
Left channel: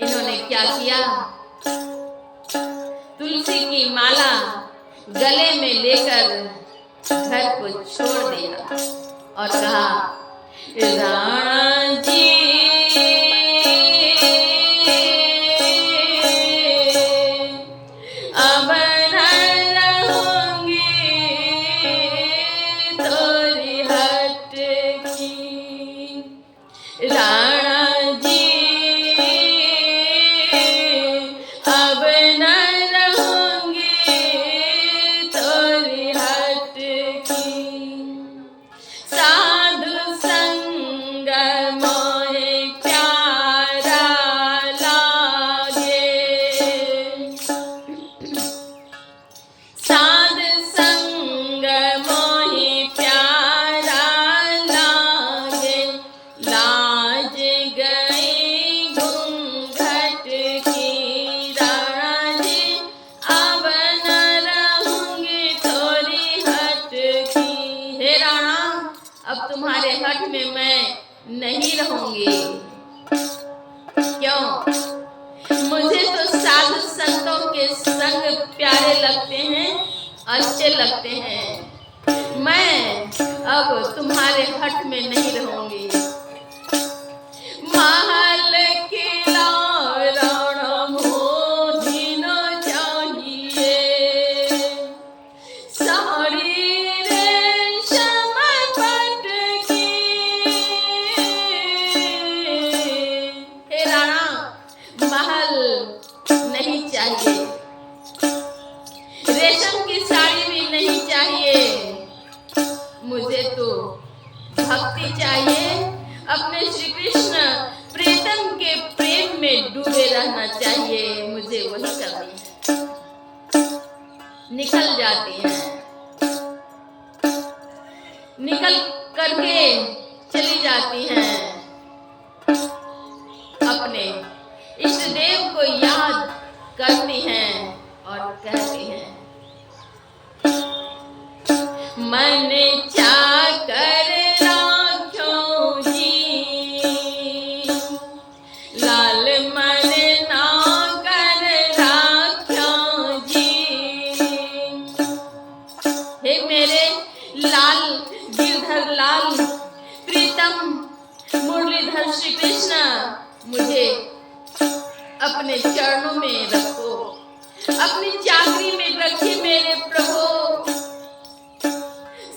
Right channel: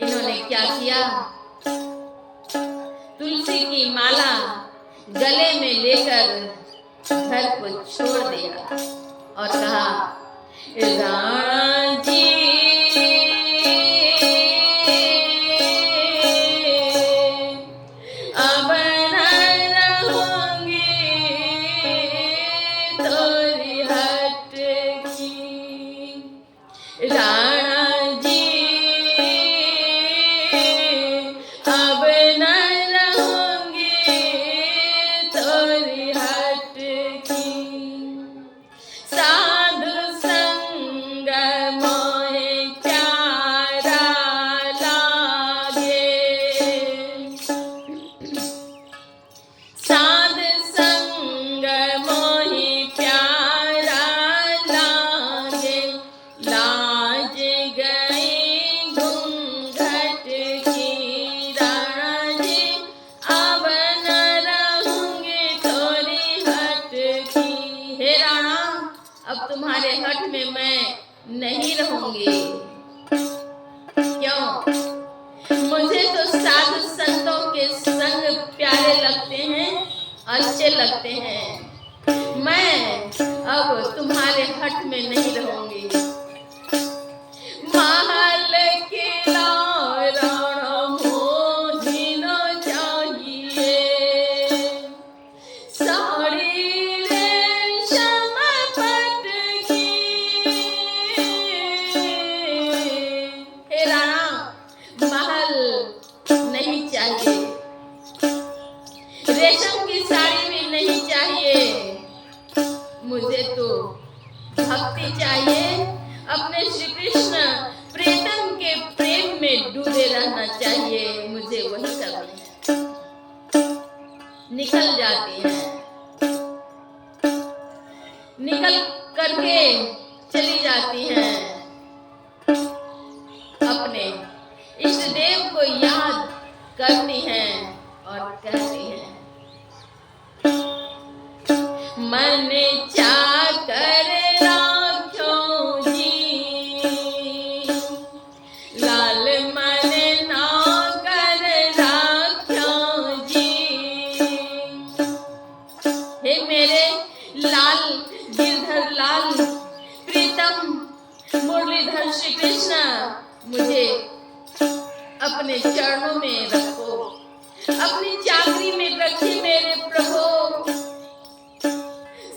इन्होंने क्या किया? तुलसी की माला गले में लेकर घर को छोड़ दिया और कहा, राणा जी अब न रहूंगी तोरी हट की, राणा जी अब न रहूंगी तोरी हट की, साधु संग रहूंगी। क्यों? मुझे तो साधु संतों के संग प्यारे लगते हैं, अच्छे लगते हैं। मैं अब तुम्हारे हट में नहीं रहूंगी। महल किला रण मोही न चाहिए, साड़ी रेशम पट की। हे राणा, महल नहीं चाहिए, रेशम की साड़ी भी नहीं चाहिए। मुझे तो भक्ति चाहिए। अपने श्री कृष्ण प्रीतम के प्रेम में डूबे रहना चाहिए। मुझे वही करनी है। निकल जाती हैं, निकल करके चली जाती हैं। अपने इष्ट देव को याद करती हैं और कहती हैं, मन चाकर राख्यो जी, लाल मन ना कर राख्यो जी। हे मेरे लाल, गिरधर लाल, प्रीतम मुरलीधर श्री कृष्ण, मुझे अपने चरणों में रखो, अपनी चाकरी में रखिए मेरे प्रभु।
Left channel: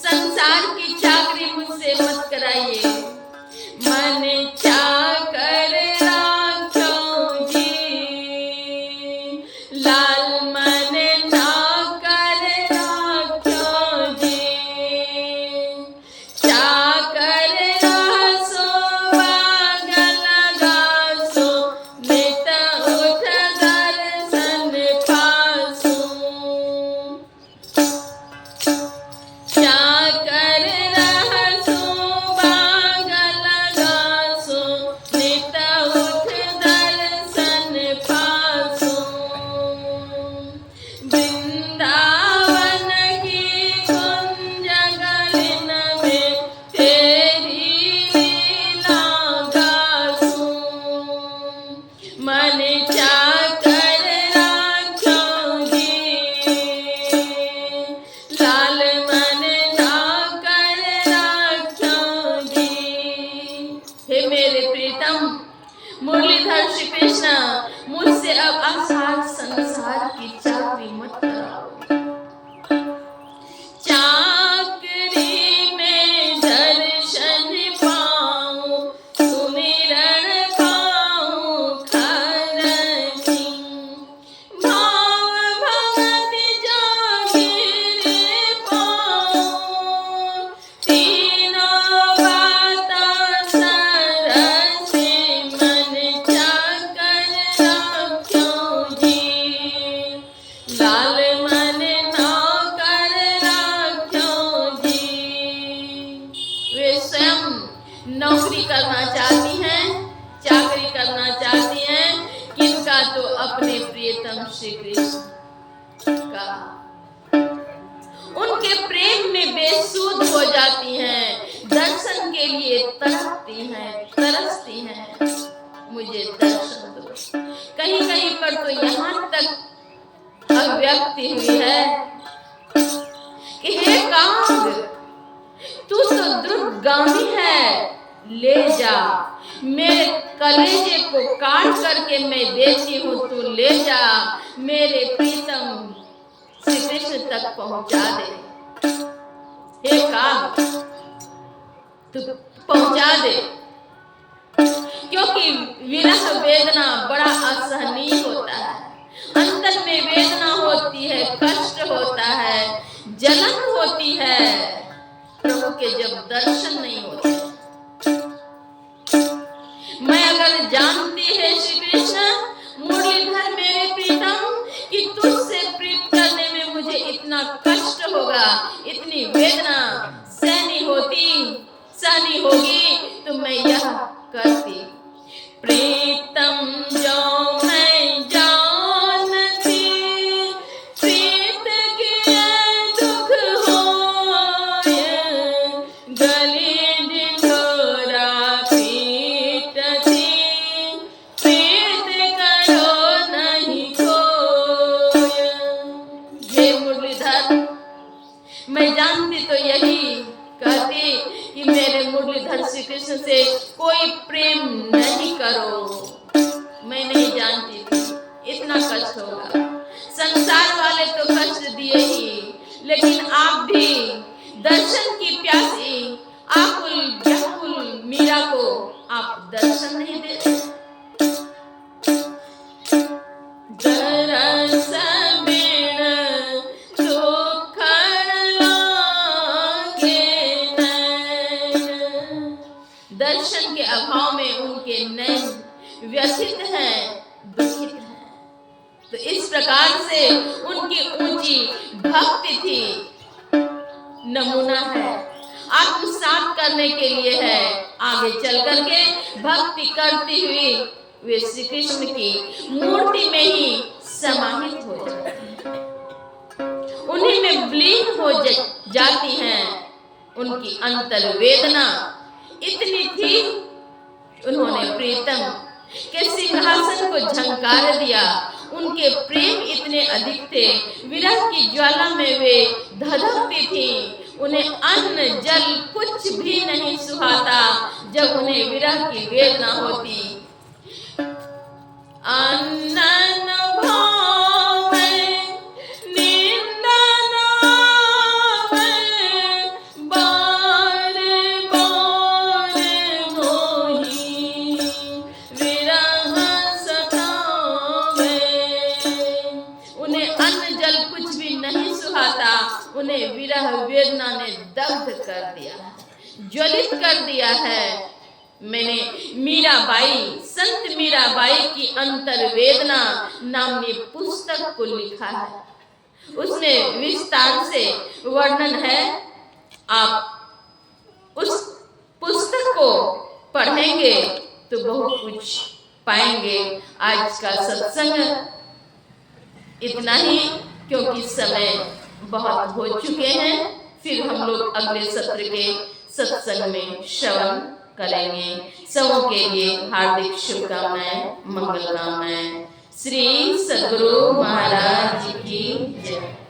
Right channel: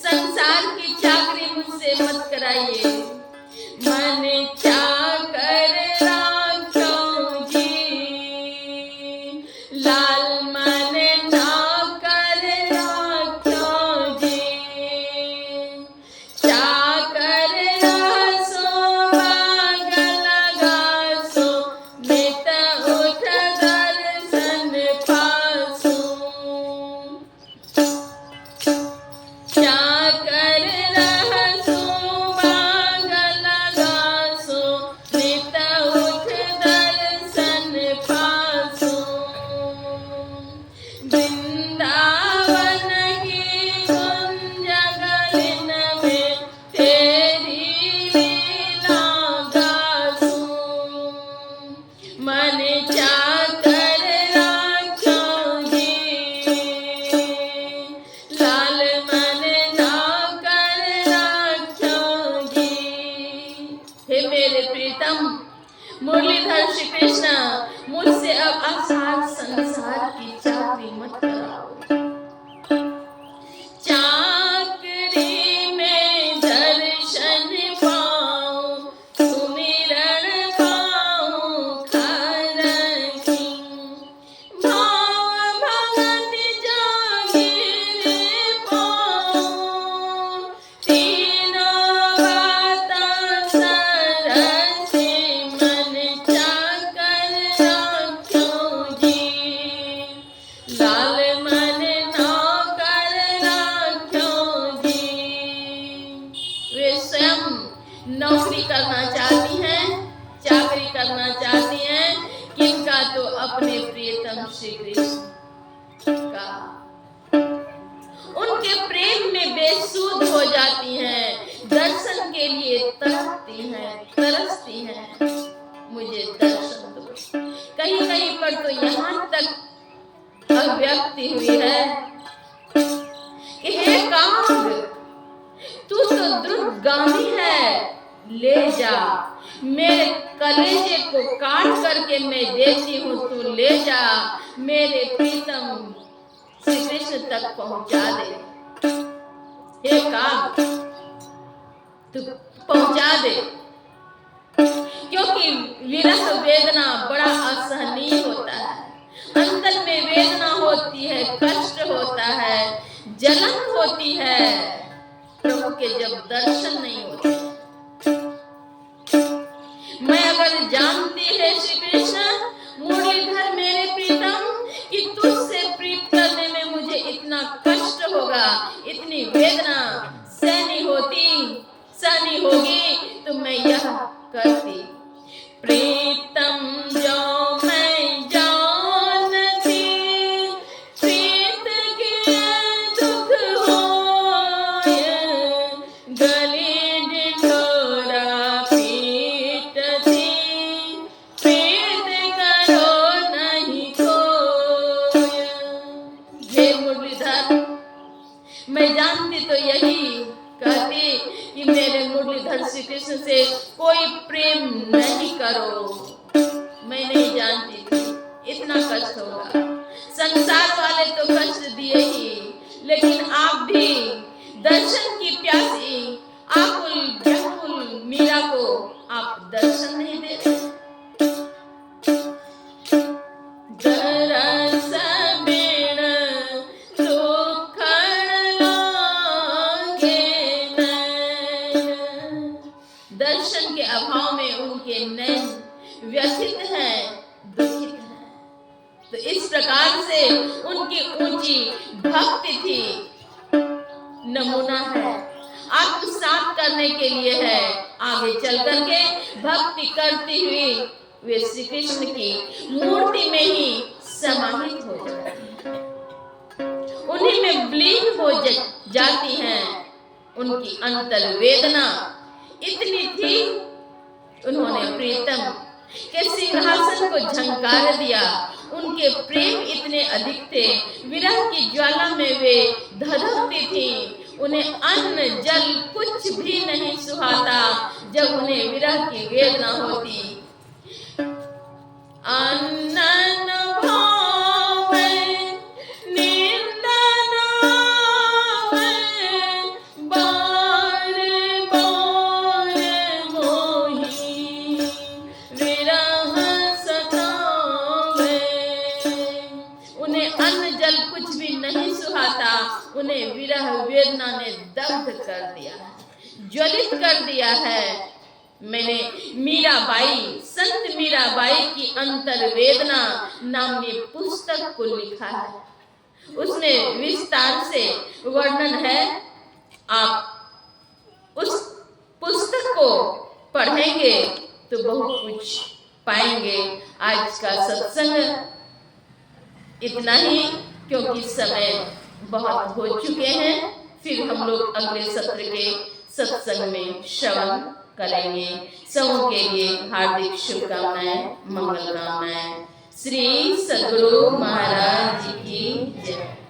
संसार की चाकरी मुझसे मत कराइए। मन चाकर राख्यो जी, लाल मन ना कर राख्यो जी। चाकर रासो बाग लगासो, नित उठ दर्शन पासो। चाकर रहसो बाग लगासो, नित उठ दर्शन पासो। वृंदावन की कुंज गलिन में तेरी लीला गासो। मन चाकर राख्यो जी, लाल मन ना कर राख्यो जी। हे मेरे प्रीतम मुरलीधर श्री कृष्ण, मुझसे अब आसार संसार की चाकरी मत कराओ। चाकरी में दर्शन पाऊं, सुमिरन पाऊं खर की। भाव भगत जागिर पाऊं, तीनों बातां सरसे। मन चाकर राख्यो जी, लाल मन ना कर राख्यो जी। वे स्वयं नौकरी करना चाहती हैं, चाकरी करना चाहती हैं, किनका? तो अपने प्रियतम श्री कृष्ण का। उनके प्रेम में बेसुध हो जाती हैं, दर्शन के लिए तड़पती हैं, तरसती हैं। मुझे दर्शन दो। कहीं कहीं पर तो यहाँ तक अभिव्यक्ति हुई है कि हे कांग, तू तो द्रुतगामी है, ले जा, मेरे कलेजे को काट करके मैं देती हूँ, तू ले जा, मेरे प्रीतम श्री कृष्ण तक पहुंचा दे। हे काग, तू पहुंचा दे, क्योंकि विरह वेदना बड़ा असहनीय होता है। अंतर में वेदना होती है, कष्ट होता है, जलन होती है, प्रभु के जब दर्शन नहीं होते। मैं अगर जानती है श्री कृष्ण मुरलीधर मेरे प्रीतम कि तुझसे प्रीत करने में मुझे इतना कष्ट होगा, इतनी वेदना सहनी होगी, तो मैं यह करती। प्रीतम जो मैं जानती, प्रीत के दुख होय, गले ढिंढोरा पीर करो। मैं नहीं जानती थी इतना कष्ट होगा। संसार वाले तो कष्ट दिए ही, लेकिन आप भी दर्शन की प्यासी आकुल व्याकुल मीरा को आप दर्शन नहीं देते। दरस बिन दुखन लागे नैन। दर्शन के अभाव में उनके नैन व्यथित हैं, दुखित हैं। तो इस प्रकार से उनकी ऊंची भक्ति थी। नमूना है, आत्मसात करने के लिए है। आगे चल करके भक्ति करती हुई वे श्री कृष्ण की मूर्ति में ही समाहित हो जाती हैं, उन्हीं में विलीन हो जाती हैं। उनकी अंतर वेदना इतनी थी, उन्होंने प्रीतम के सिंहासन को झंकार दिया। उनके प्रेम इतने अधिक थे, विरह की ज्वाला में वे धधकती थीं। उन्हें अन्न जल कुछ भी नहीं सुहाता जब उन्हें विरह की वेदना होती। अन्न न भावे निंदा न आवे, बारे बारे मोही विरह सतावे। उन्हें अन्न जल कुछ भी नहीं सुहाता, उन्हें विरह वेदना ने दग्ध कर दिया है, ज्वलित कर दिया है। मैंने मीराबाई, संत मीराबाई की अंतर वेदना नामनी पुस्तक को लिखा है। उसमें विस्तार से वर्णन है। आप उस पुस्तक को पढ़ेंगे तो बहुत कुछ पाएंगे। आज का सत्संग इतना ही, क्योंकि समय बहुत हो चुके हैं। फिर हम लोग अगले सत्र के सत्संग में श्रवण करेंगे। सबों के लिए हार्दिक शुभकामनाएं, मंगल कामनाएं। श्री सद्गुरु महाराज की जय।